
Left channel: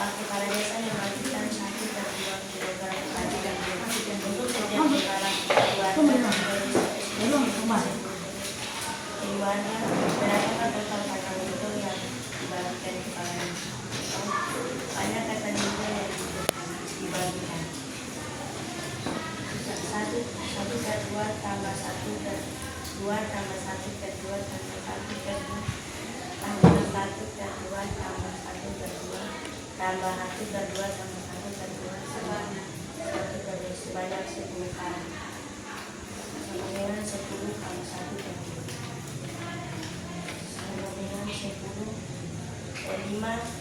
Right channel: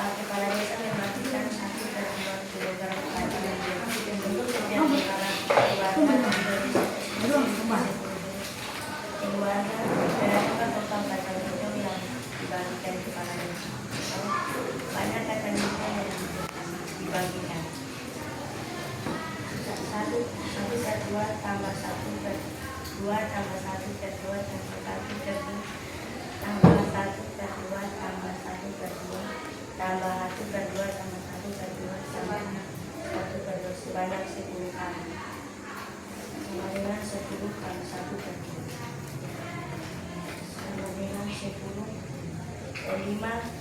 Pak Kepala Desa memastikan 1 dan 2 kilogram padi dan bersih untuk setiap kepala keluarga berapa total kacang hijau yang dibagikan kepala desa. Banyak kacang hijau yang dibagikan. 1 per 2 tambah 1 per 2 tambah 1 per 2 tambah 1 per 2 tambah 1 per 2 tambah 1 per 2 tambah 1 per 2 tambah 1 per 2 tambah 1 per 2 sebanyak 10 kali sama dengan 10 kali 1 per 2 sama dengan 5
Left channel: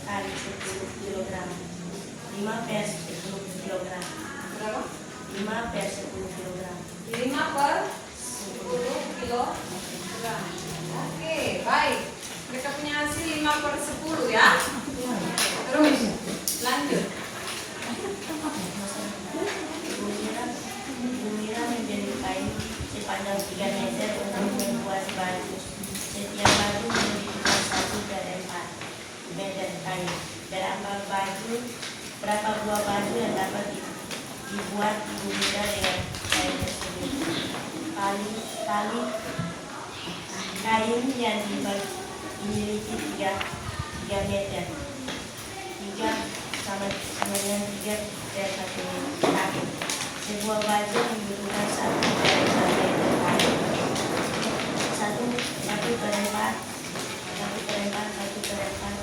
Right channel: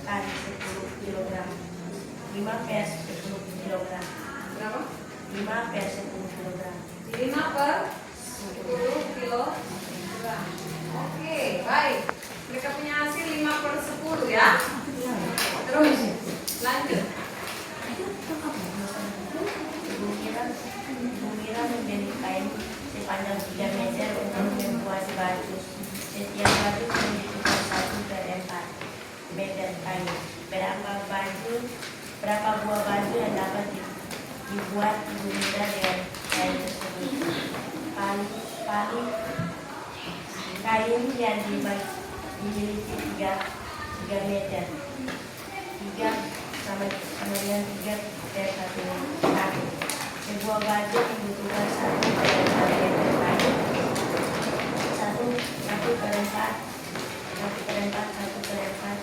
kali 10 kilogram 5 per 10 kilogram Berapa? 5 per 10 kilogram 5 per 10 kilogram. Oke, baik. Mereka punya hasil 5 per 10 ya. Terus lanjut. Ibu Mira membeli kain sepanjang 3 meter untuk membuat baju. Setiap baju membutuhkan 1 per 4 meter kain. Berapa buah baju yang dapat dibuat Ibu Mira dengan kain tersebut? Tali kain yang dimiliki 3 meter. 3 sama dengan 3 per 1. Sebuah baju membutuhkan 1 per 4 meter kain. 1 per 4, 1 per 4.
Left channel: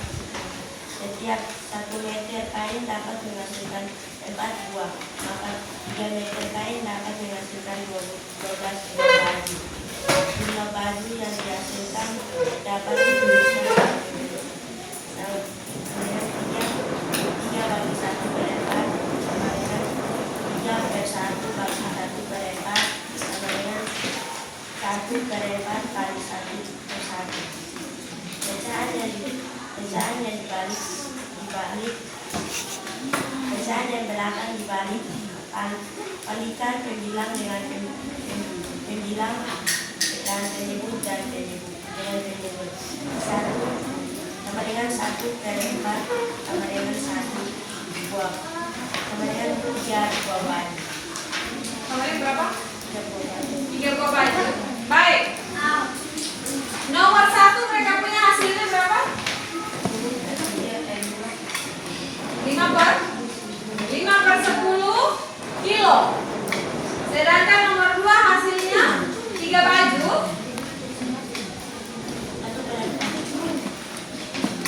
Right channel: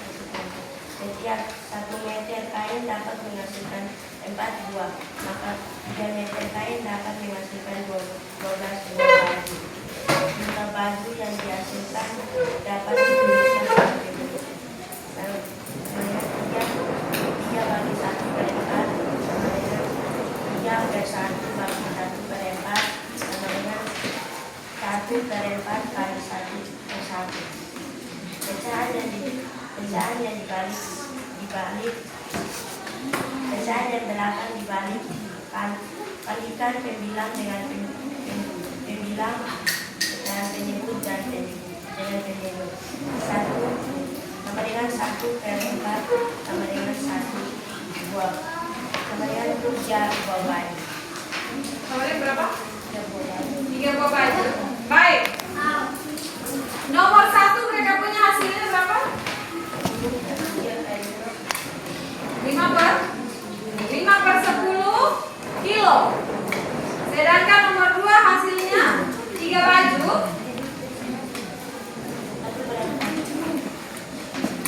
Setiap 1 meter kain dapat menghasilkan 4 buah, maka 3 meter kain dapat menghasilkan 12 buah baju. Jumlah baju yang dihasilkan dapat dituliskan sebagai berikut. Sama dengan 3 bagi 1 per 4 sama dengan 3 per 1 bagi 1 per 4 sama dengan 1 per 4 kali 1 per 1. Pecahan yang pecahan yang belakang dibalik, kalikan pembilang dengan pembilang pecahan penyebut dan dengan penyebut. 1 sama dengan 1 per 4 sama dengan 1 buah sama dengan 3 buah baju. Kemarin berapa? 3 buah baju. 3 buah baju. Baik. Nomor 1 mereka punya hasilnya berapa? 5 per 10 kilo. Sedangkan nomor 2 hasilnya 3 baju.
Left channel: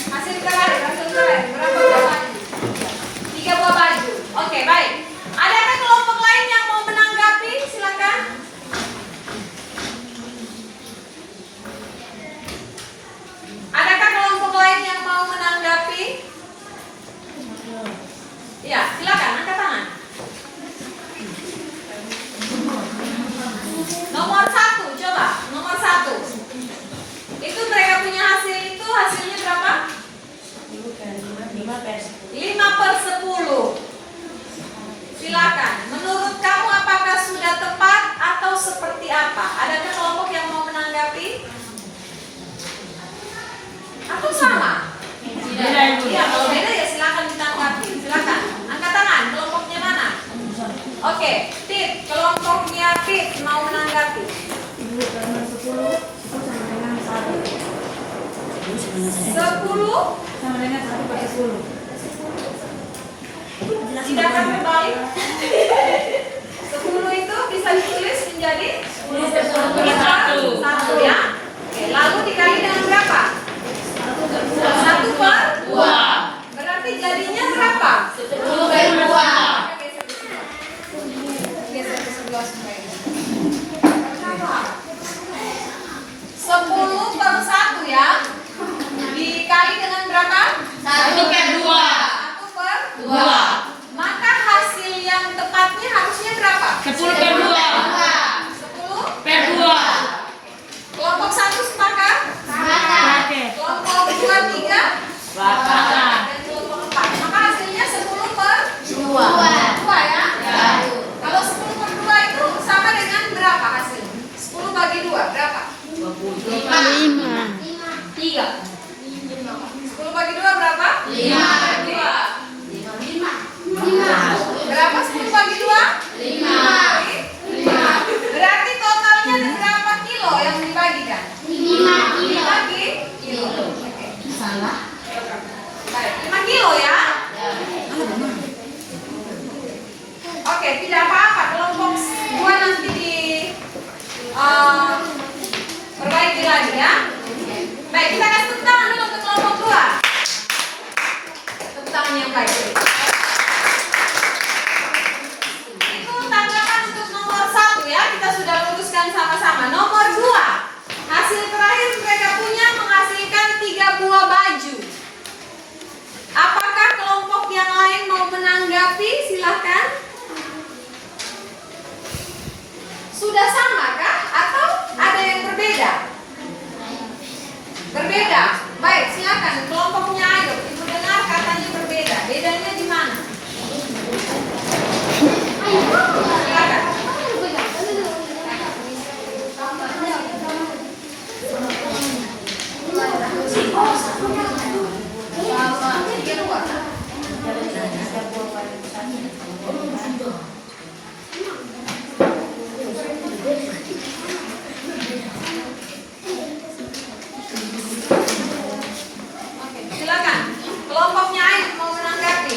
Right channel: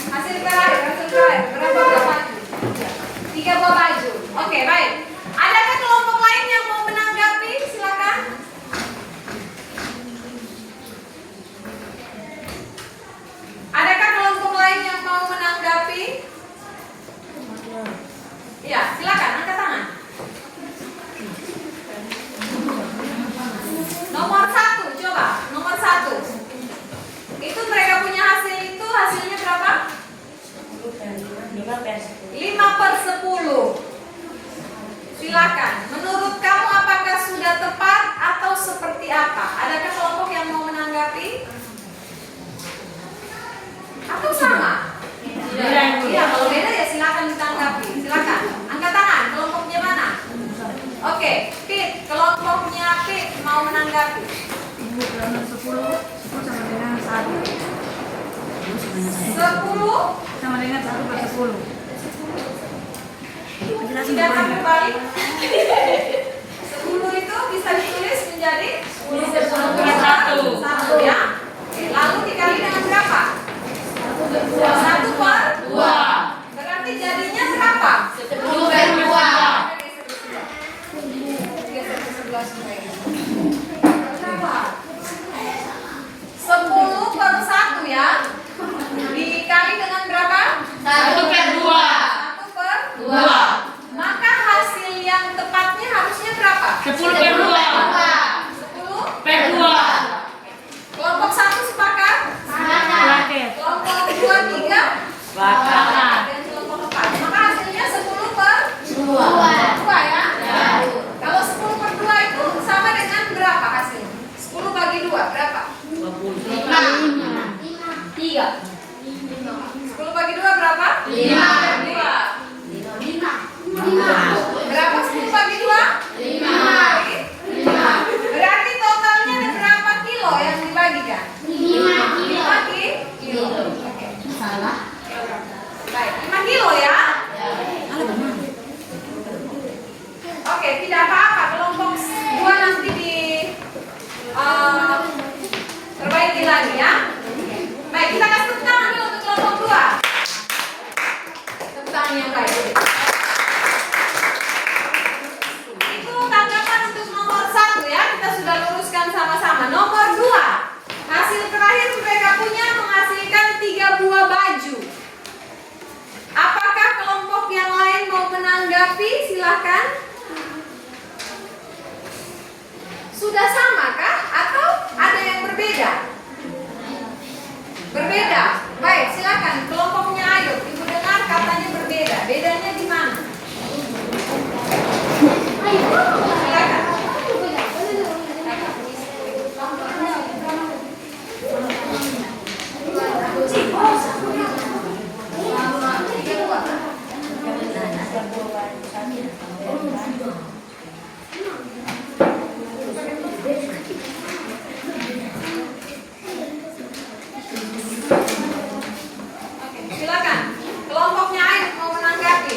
Hasil terakhir berapa buah baju? 3 buah baju. Oke, baik. Adakah kelompok lain yang mau menanggapi? Silakan. Adakah kelompok lain yang mau menanggapi? Ya, silakan angkat tangan. Nomor 1, coba. Nomor 1. Itu mereka punya hasil itu hasilnya berapa? 5 per 10. 5 per 10. Silakan. Menurut kamu apakah sudah tepat atau seperti apa? Adakah kelompok yang mau menanggapi? Atau sama? Iya, kalau beda ya silakan ditanggapi. Silakan. Angkat tangan. Kelompoknya mana? Oke, Pit. Kelompoknya Pit mau menanggapi. Ibu nomor 10 sama dengan 1. 10 Sama dengan 1 per 10. tidak akan kembali. 10 itu bisa ditulis menjadi 10 per 1. 1 ya. Oke, lalu dikali dengan berapa? 1 per 2. Berarti jadinya berapa? 10 Oke, tidak apa-apa. Kelompok 2 nanti di perbaiki lagi ya. Baik, kita kasih tepuk tangan dulu untuk kelompok 2. Tepuk tangan yang baik. Itu tanggapan untuk nomor 1 ya. Kita sudah luruskan sama-sama. Nomor 2. Hasil terakhir mereka punya menghasilkan 3 buah baju. Apakah kelompok yang lain mau menanggapi? Silahkan. Sudah sama kah? Atau ada yang berbeda? Berbeda. Baik, silakan kelompoknya ayo. Ibu dengar katanya berbeda. Bedanya di mana? Silakan. Tiga buah. Oke, silakan. Kelompoknya Ayu mau menanggapi.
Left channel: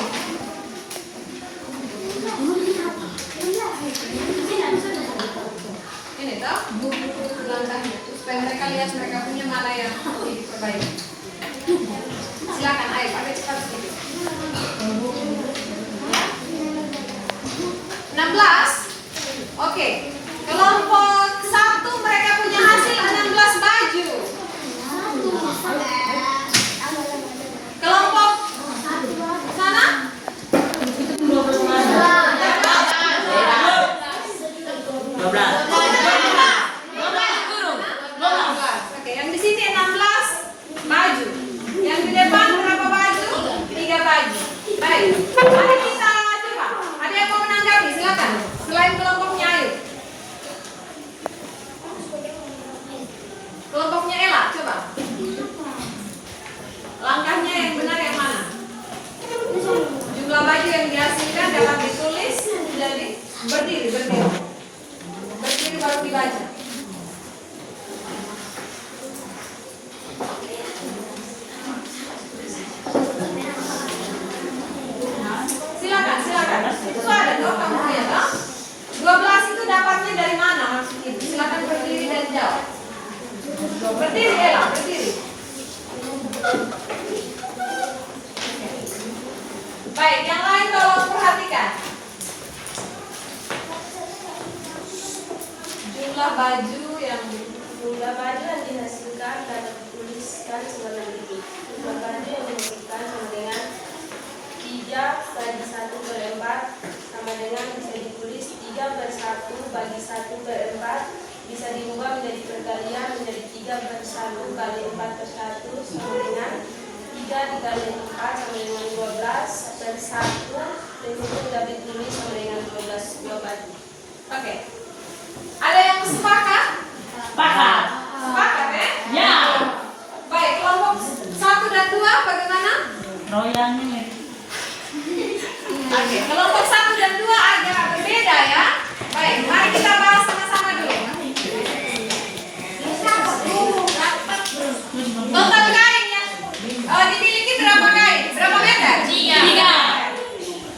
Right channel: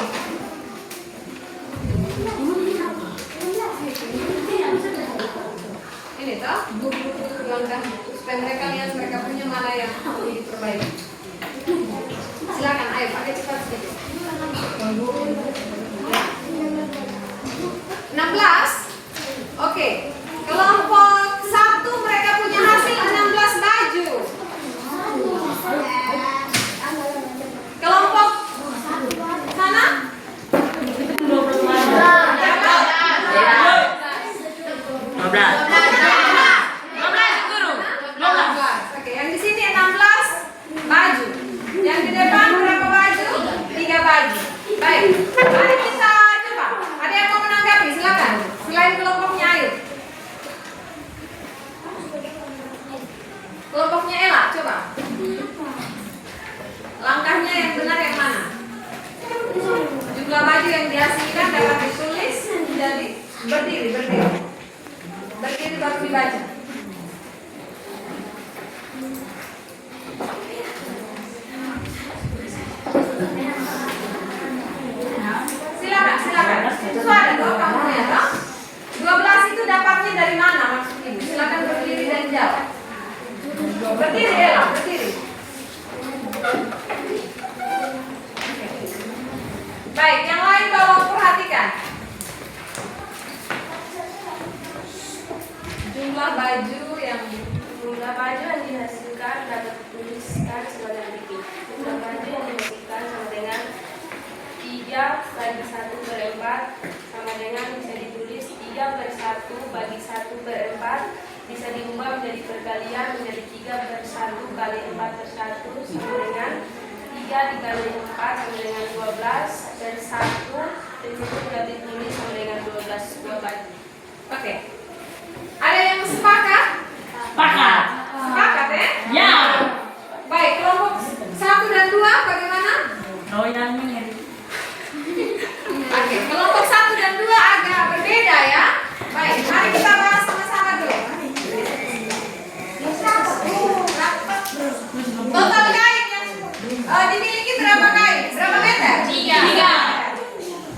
Ini toh langkahnya supaya mereka lihat mereka punya mana yang perlu diperbaiki. Silakan Ayu, pakai cepat sedikit. 16. Oke. Kelompok 1 mereka punya hasil 16 baju. Kelompok sana? Oke, yang di sini 16 baju. Yang di depan berapa baju? 3 baju. Baik. Mari kita coba. Ada yang mau menanggapi? Silakan. Selain kelompoknya Ayu. Kelompoknya Ella, coba. Langkahnya yang benar yang mana? Jumlah baju yang dihasilkan dapat ditulis menjadi berdiri. Berdiri baru dibaca. Silakan. Itu ada toh kamu ya toh? 12 itu dapatnya dari mana maksud ibu? Silakan berdiri dan jawab. Berdiri Ella, berdiri. Baik, yang lain tolong perhatikan. Jumlah baju yang dihasilkan dapat dituliskan sebagai berikut. Jumlah baju yang dihasilkan sama dengan 3 bagi 1 per 4 sama dengan bisa ditulis 3 per 1 bagi 1 per 4 bisa diubah menjadi perkalian menjadi 3 per 1 kali 4 per 1 sama dengan 3 dikali 4 sama dengan 12 per 1 dan itu dapat ditulis sama dengan 12 buah baju. Oke. Ada yang sepakat? Sepakat. Sepakat ya? Ya. Baik, kelompok 1 dan 2 bagaimana? Royalnya. Oke, kelompok 1 dan 2 agak berbeda ya. Baik, mari kita bahas sama-sama dulu. Total kain yang dimiliki berapa kain? Berapa meter? 3.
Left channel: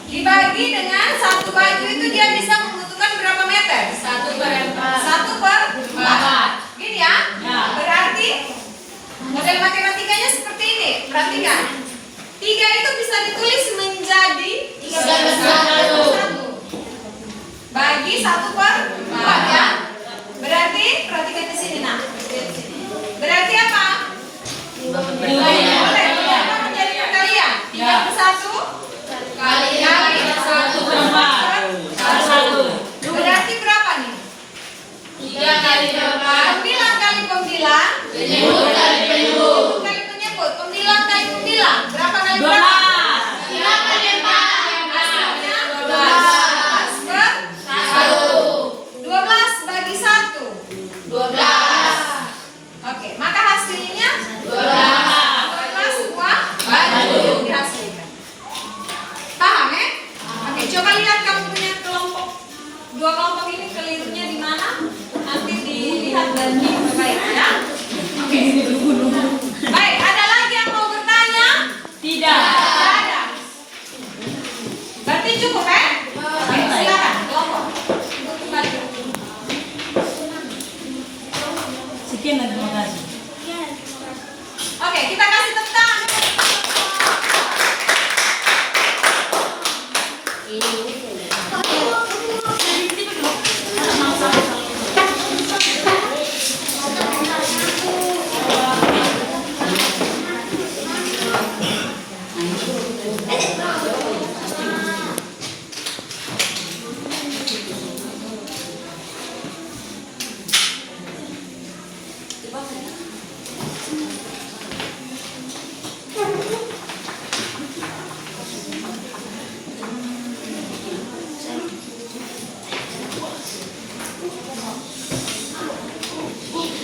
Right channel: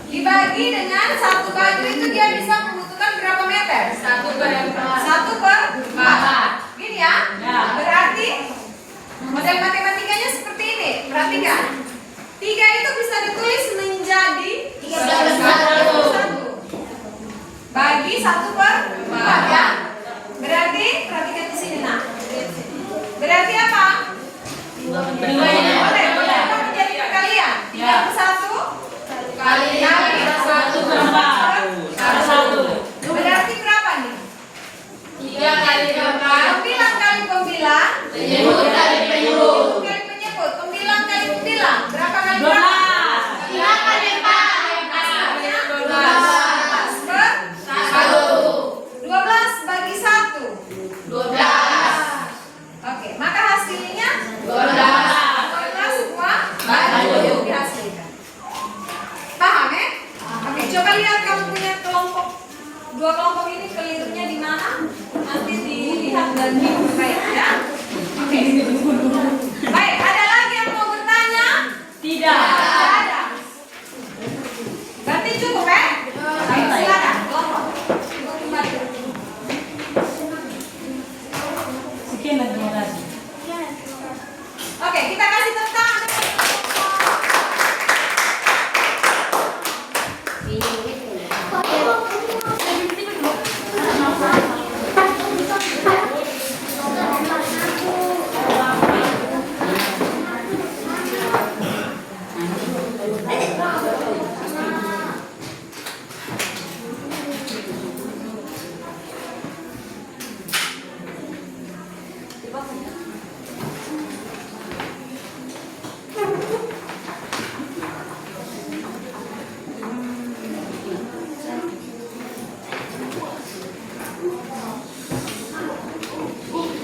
Dibagi dengan 1 baju itu dia bisa membutuhkan berapa meter? 1 per 4. 1 per 4. Gini ya? Berarti model matematikanya seperti ini. Perhatikan. 3 itu bisa ditulis menjadi 1 bagi 1 per 4 ya. Berarti perhatikan di sini nah. Berarti apa? Boleh apa menjadi perkalian? 3 per 1 kali 1 per 4 berarti berapa nih? 3 kali 4 Pembilang kali pembilang, penyebut kali penyebut. kali penyebut, pembilang kali pembilang. Berapa kali berapa? 3 kali 4 Hasilnya 12 per 1 12 bagi 1. 12. Oke, maka hasilnya 12 buah baju yang dihasilkan. Paham ya? Oke, coba lihat kamu punya kelompok. 2 kelompok ini kelirunya di mana? Nanti dilihat dan diperbaiki ya. Oke. Baik, ada lagi yang mau bertanya? Tidak. Tidak ada. Berarti cukup ya? Oke, silakan.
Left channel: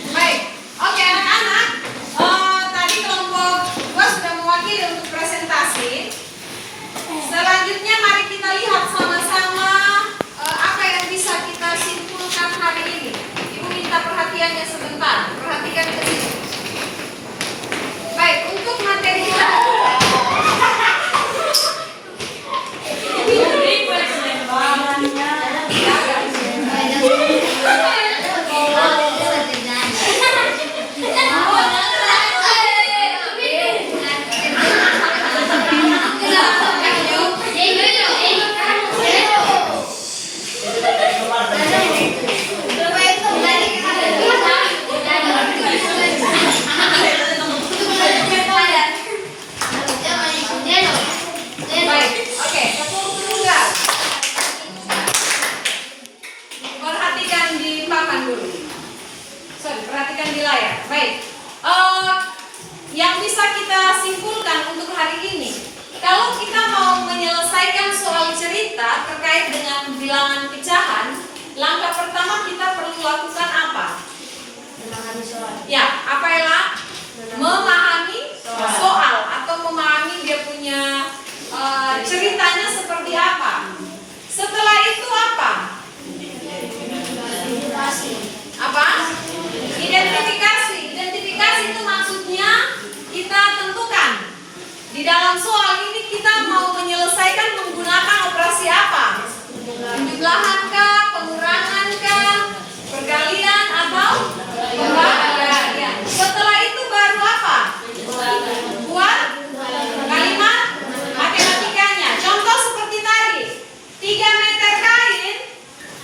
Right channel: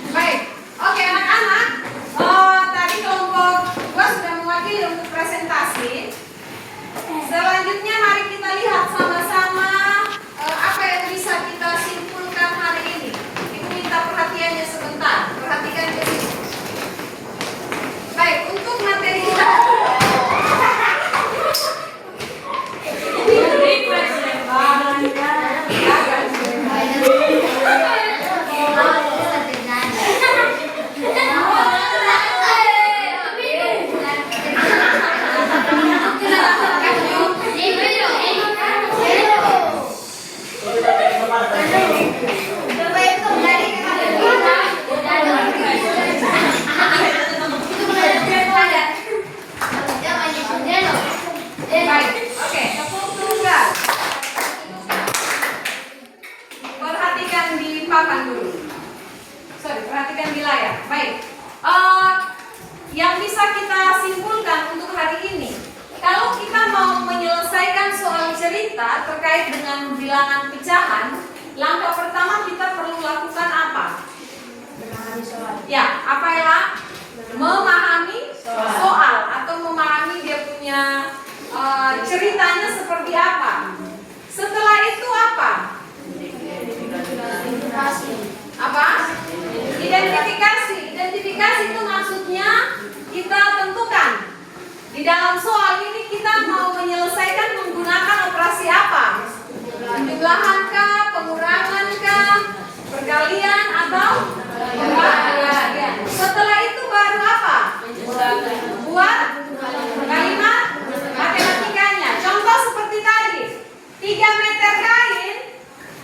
Baik, oke anak-anak. Tadi kelompok gua sudah mewakili untuk presentasi. Selanjutnya mari kita lihat sama-sama apa yang bisa kita simpulkan hari ini. Ibu minta perhatiannya sebentar. Perhatikan ke sini. Baik, untuk materi kita. Baik, oke. Tunggal. Perhatikan di papan dulu. Perhatikan di layar. Baik. Yang bisa kita simpulkan untuk hari ini, kalau kita mau menyelesaikan soal cerita terkait dengan bilangan pecahan, langkah pertama kita perlu lakukan apa? Ya, apa Ella? Memahami soal atau memahami dia punya ceritanya seperti apa. Setelah itu apa? Apa? Identifikasi. Identifikasi itu maksudnya kita tentukan di dalam soal ini kita mau menyelesaikan menggunakan operasi apa? Penjumlahankah, pengurangankah, perkalian atau pembagian. Setelah itu baru apa? Buat kalimat matematikanya. Contoh seperti tadi, 3 meter kain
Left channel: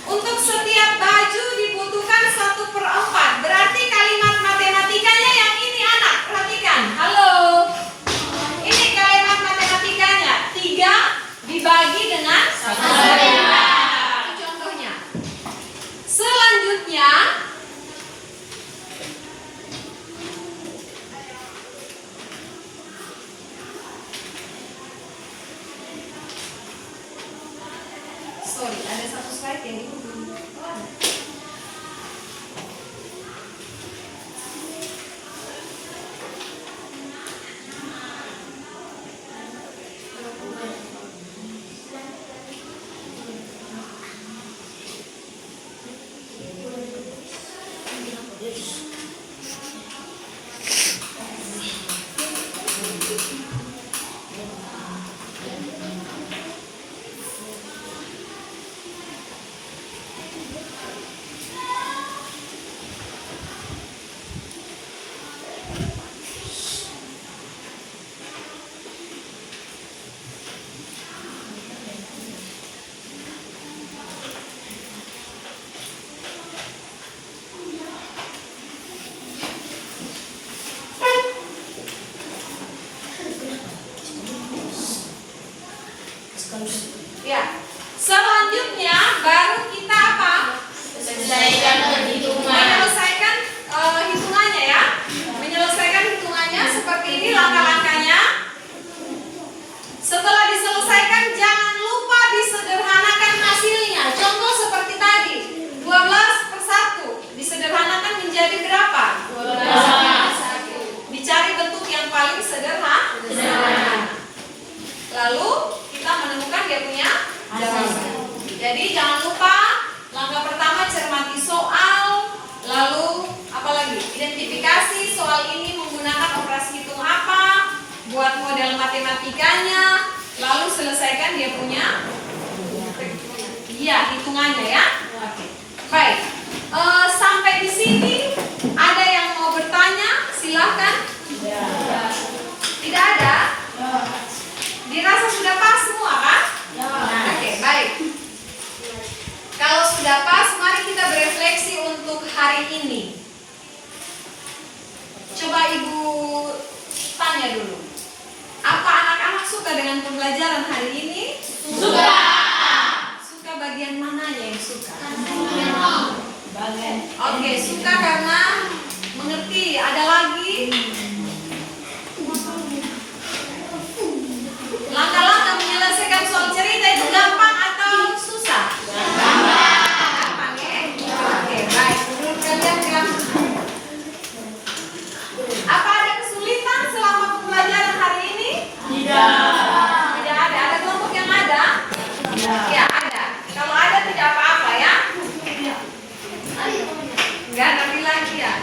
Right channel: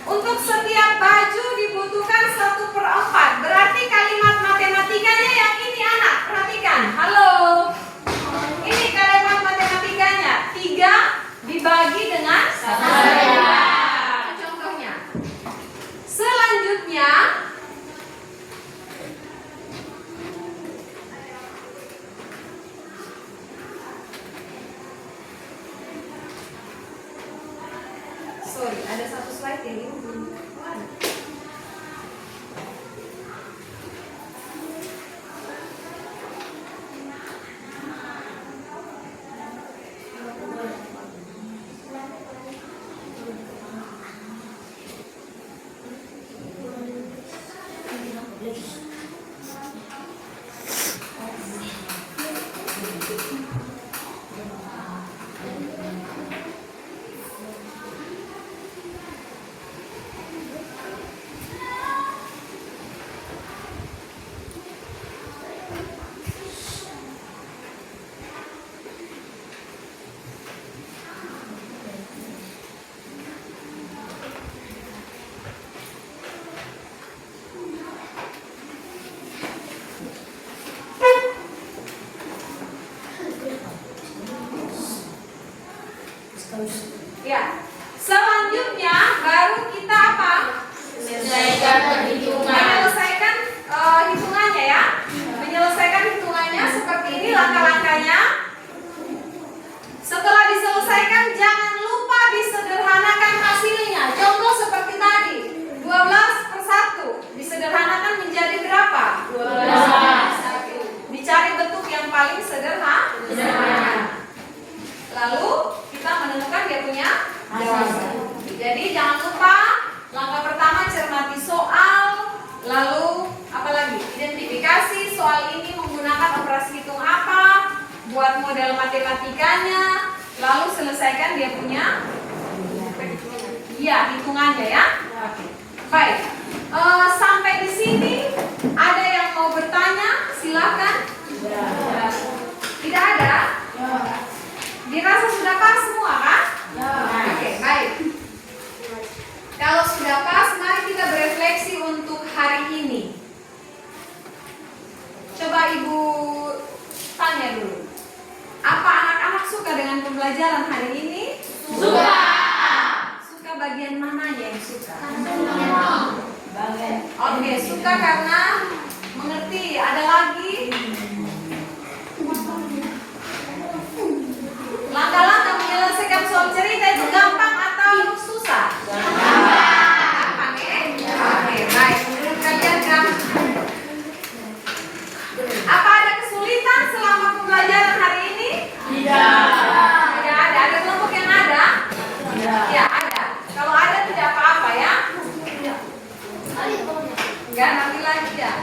untuk setiap baju dibutuhkan 1/4. Berarti kalimat matematikanya yang ini anak. Perhatikan. Halo. Ini kalimat matematikanya 3 dibagi dengan 1/4. Itu contohnya. Selanjutnya ada satu slide yang ini belum kelar. Ya, selanjutnya baru kita apa? Menyelesaikan hitungannya ya. Menyelesaikan hitungannya seperti ini langkah-langkahnya. Setelah diselesaikan jangan lupa disederhanakan hasilnya. Contoh seperti tadi, 12/1 disederhanakan menjadi berapa? 12. Dicari bentuk yang paling sederhana. Lalu kita menemukan dia punya jawaban. Jadi jangan lupa langkah pertama cermati soal, lalu apa lagi? Identifikasi soal ini menggunakan operasi hitung apa, buat model matematikanya, lalu selesaikan dia punya hitungannya ya. Oke. Baik. Sampai di sini ada yang mau bertanya? Silahkan. Tidak ada? Dirasa sudah pas semua kan? Oke. Ya, ada. Kalau ada tidak apa-apa ya. Enggak, nanti lagi ya.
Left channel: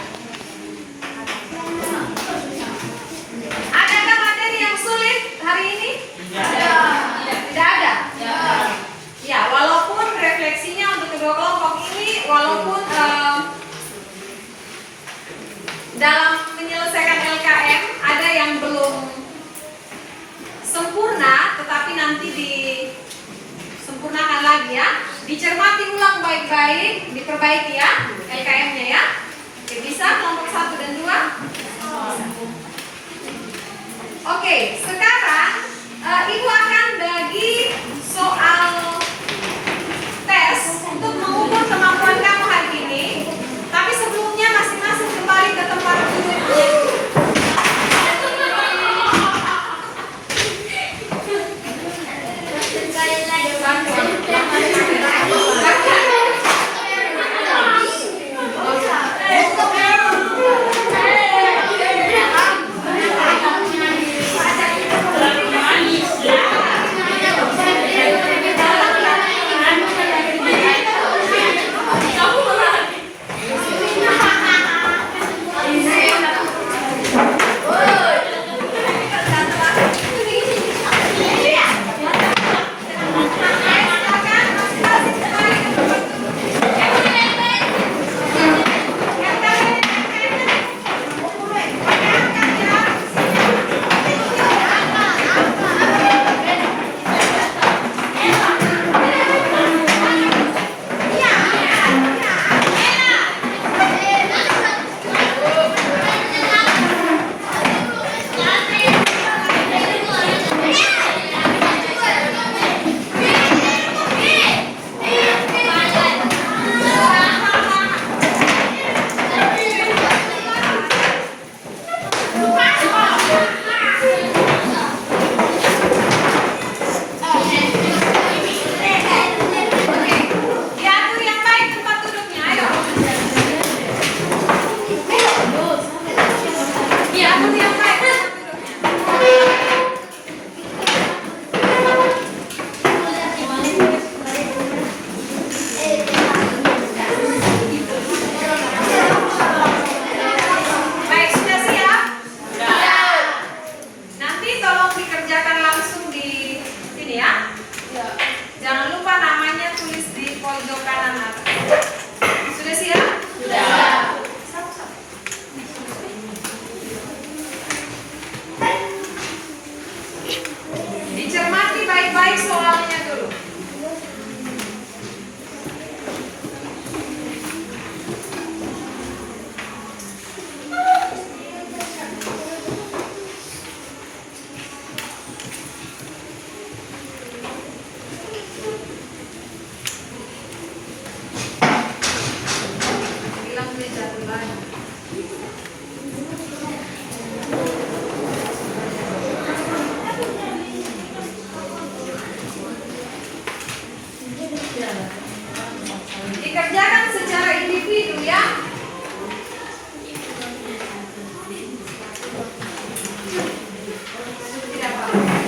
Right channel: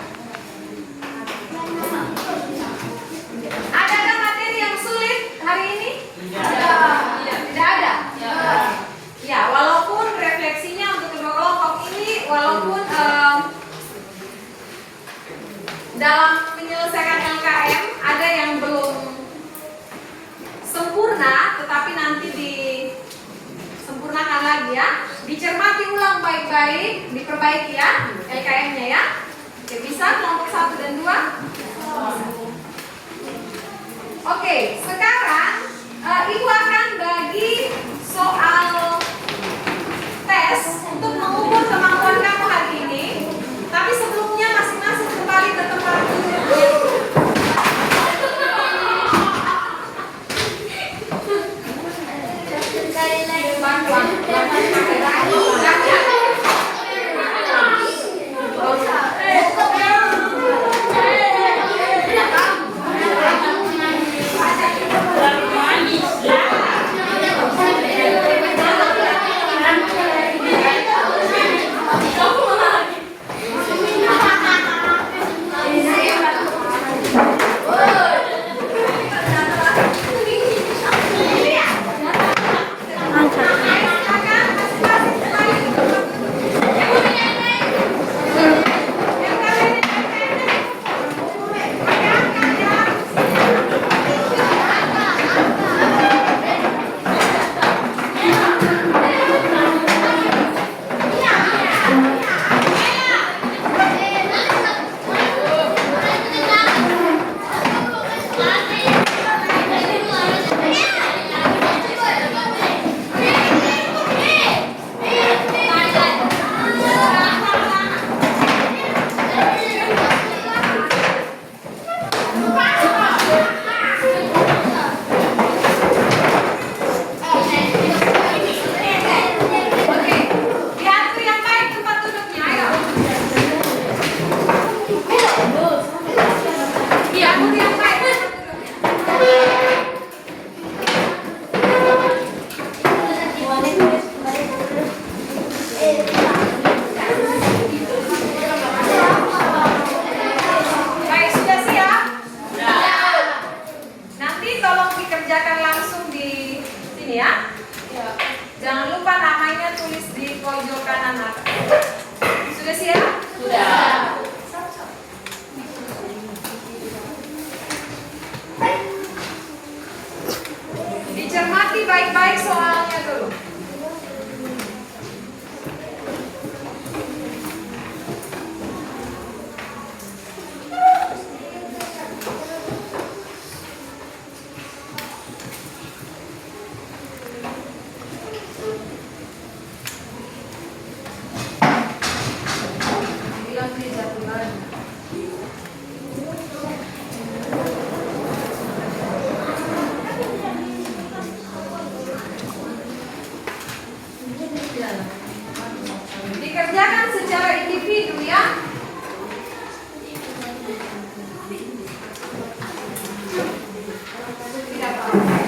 Adakah materi yang sulit hari ini? Tidak ada. Ya, walaupun refleksinya untuk kedua kelompok ini, walaupun dalam menyelesaikan LKM ada yang belum sempurna, tetapi nanti disempurnakan lagi ya. Dicermati ulang baik-baik, diperbaiki ya LKM-nya ya. Oke, bisa kelompok 1 dan 2? Oke, sekarang Ibu akan bagi soal tes untuk mengukur kemampuan kamu hari ini. Tapi sebelumnya masing-masing kembali ke tempat duduknya. Dikerjakan secara individu ya. Tidak apa-apa.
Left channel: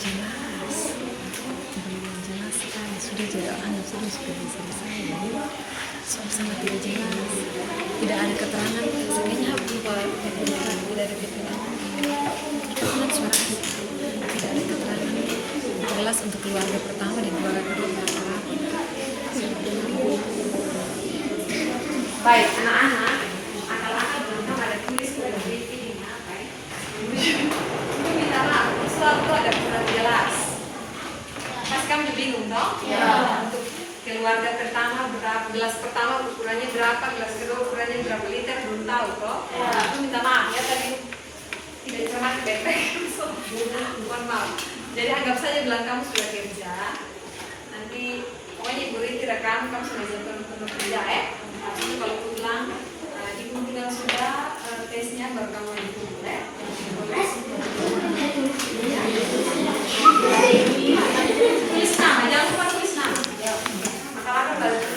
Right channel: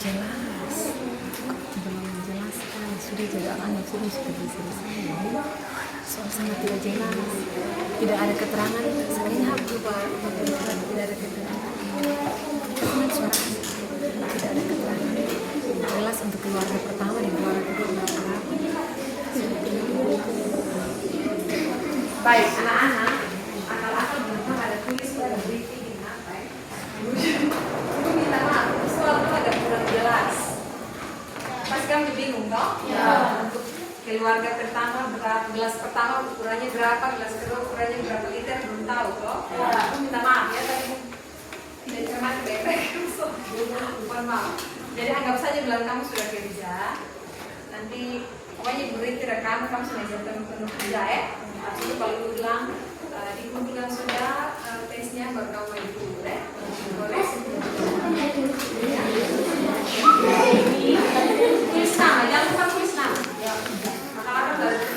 jelas. Belum jelas sekali. Sudah jadi sudah selesai. Suasana tidak jelas. Tidak ada keterangan. Kayaknya harus lupa tidak ada keterangan. Suara tidak ada keterangan. Jelas untuk keluarga pertama dan keluarga kedua. Baik, anak-anak, akal-akal belum ada tulis pada briefing ini apa ya? Lu minta maaf, selalu ada kurang jelas. Pasti kamu bingung toh? Ya. Untuk keluarga pertama berapa, gelas pertama ukurannya berapa, gelas kedua ukurannya berapa liter, belum tahu toh? Ya. Aku minta maaf ya tadi tidak cuma baik-baik, mohon maaf. Jadi anggap saja bilang kamu sudah kerja, nanti pokoknya Ibu Riti rekam kamu sudah jatuh penuh kerja ya. Tapi kalau aku bilang di bilang sudah tesnya baru kamu itu boleh? Boleh? Tulis nama, jangan lupa tulis nama. Akal-akal balik.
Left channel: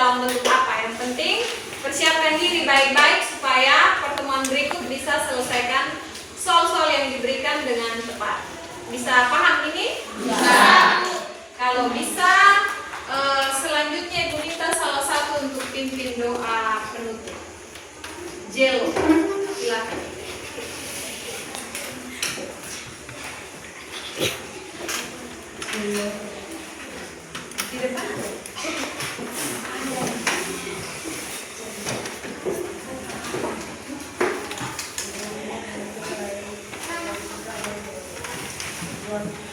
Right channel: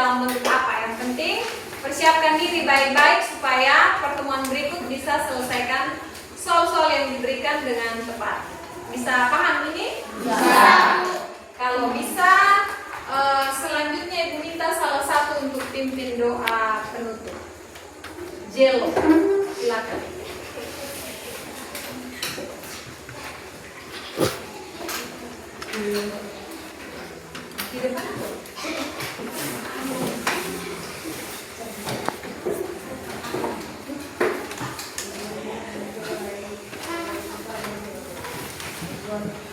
dalam bentuk apa. Yang penting persiapkan diri baik-baik supaya pertemuan berikut bisa selesaikan soal-soal yang diberikan dengan tepat. Bisa paham ini? Bisa. Kalau bisa, selanjutnya Ibu minta salah satu untuk pimpin doa penutup. Jelo, silakan. Di depan. Buat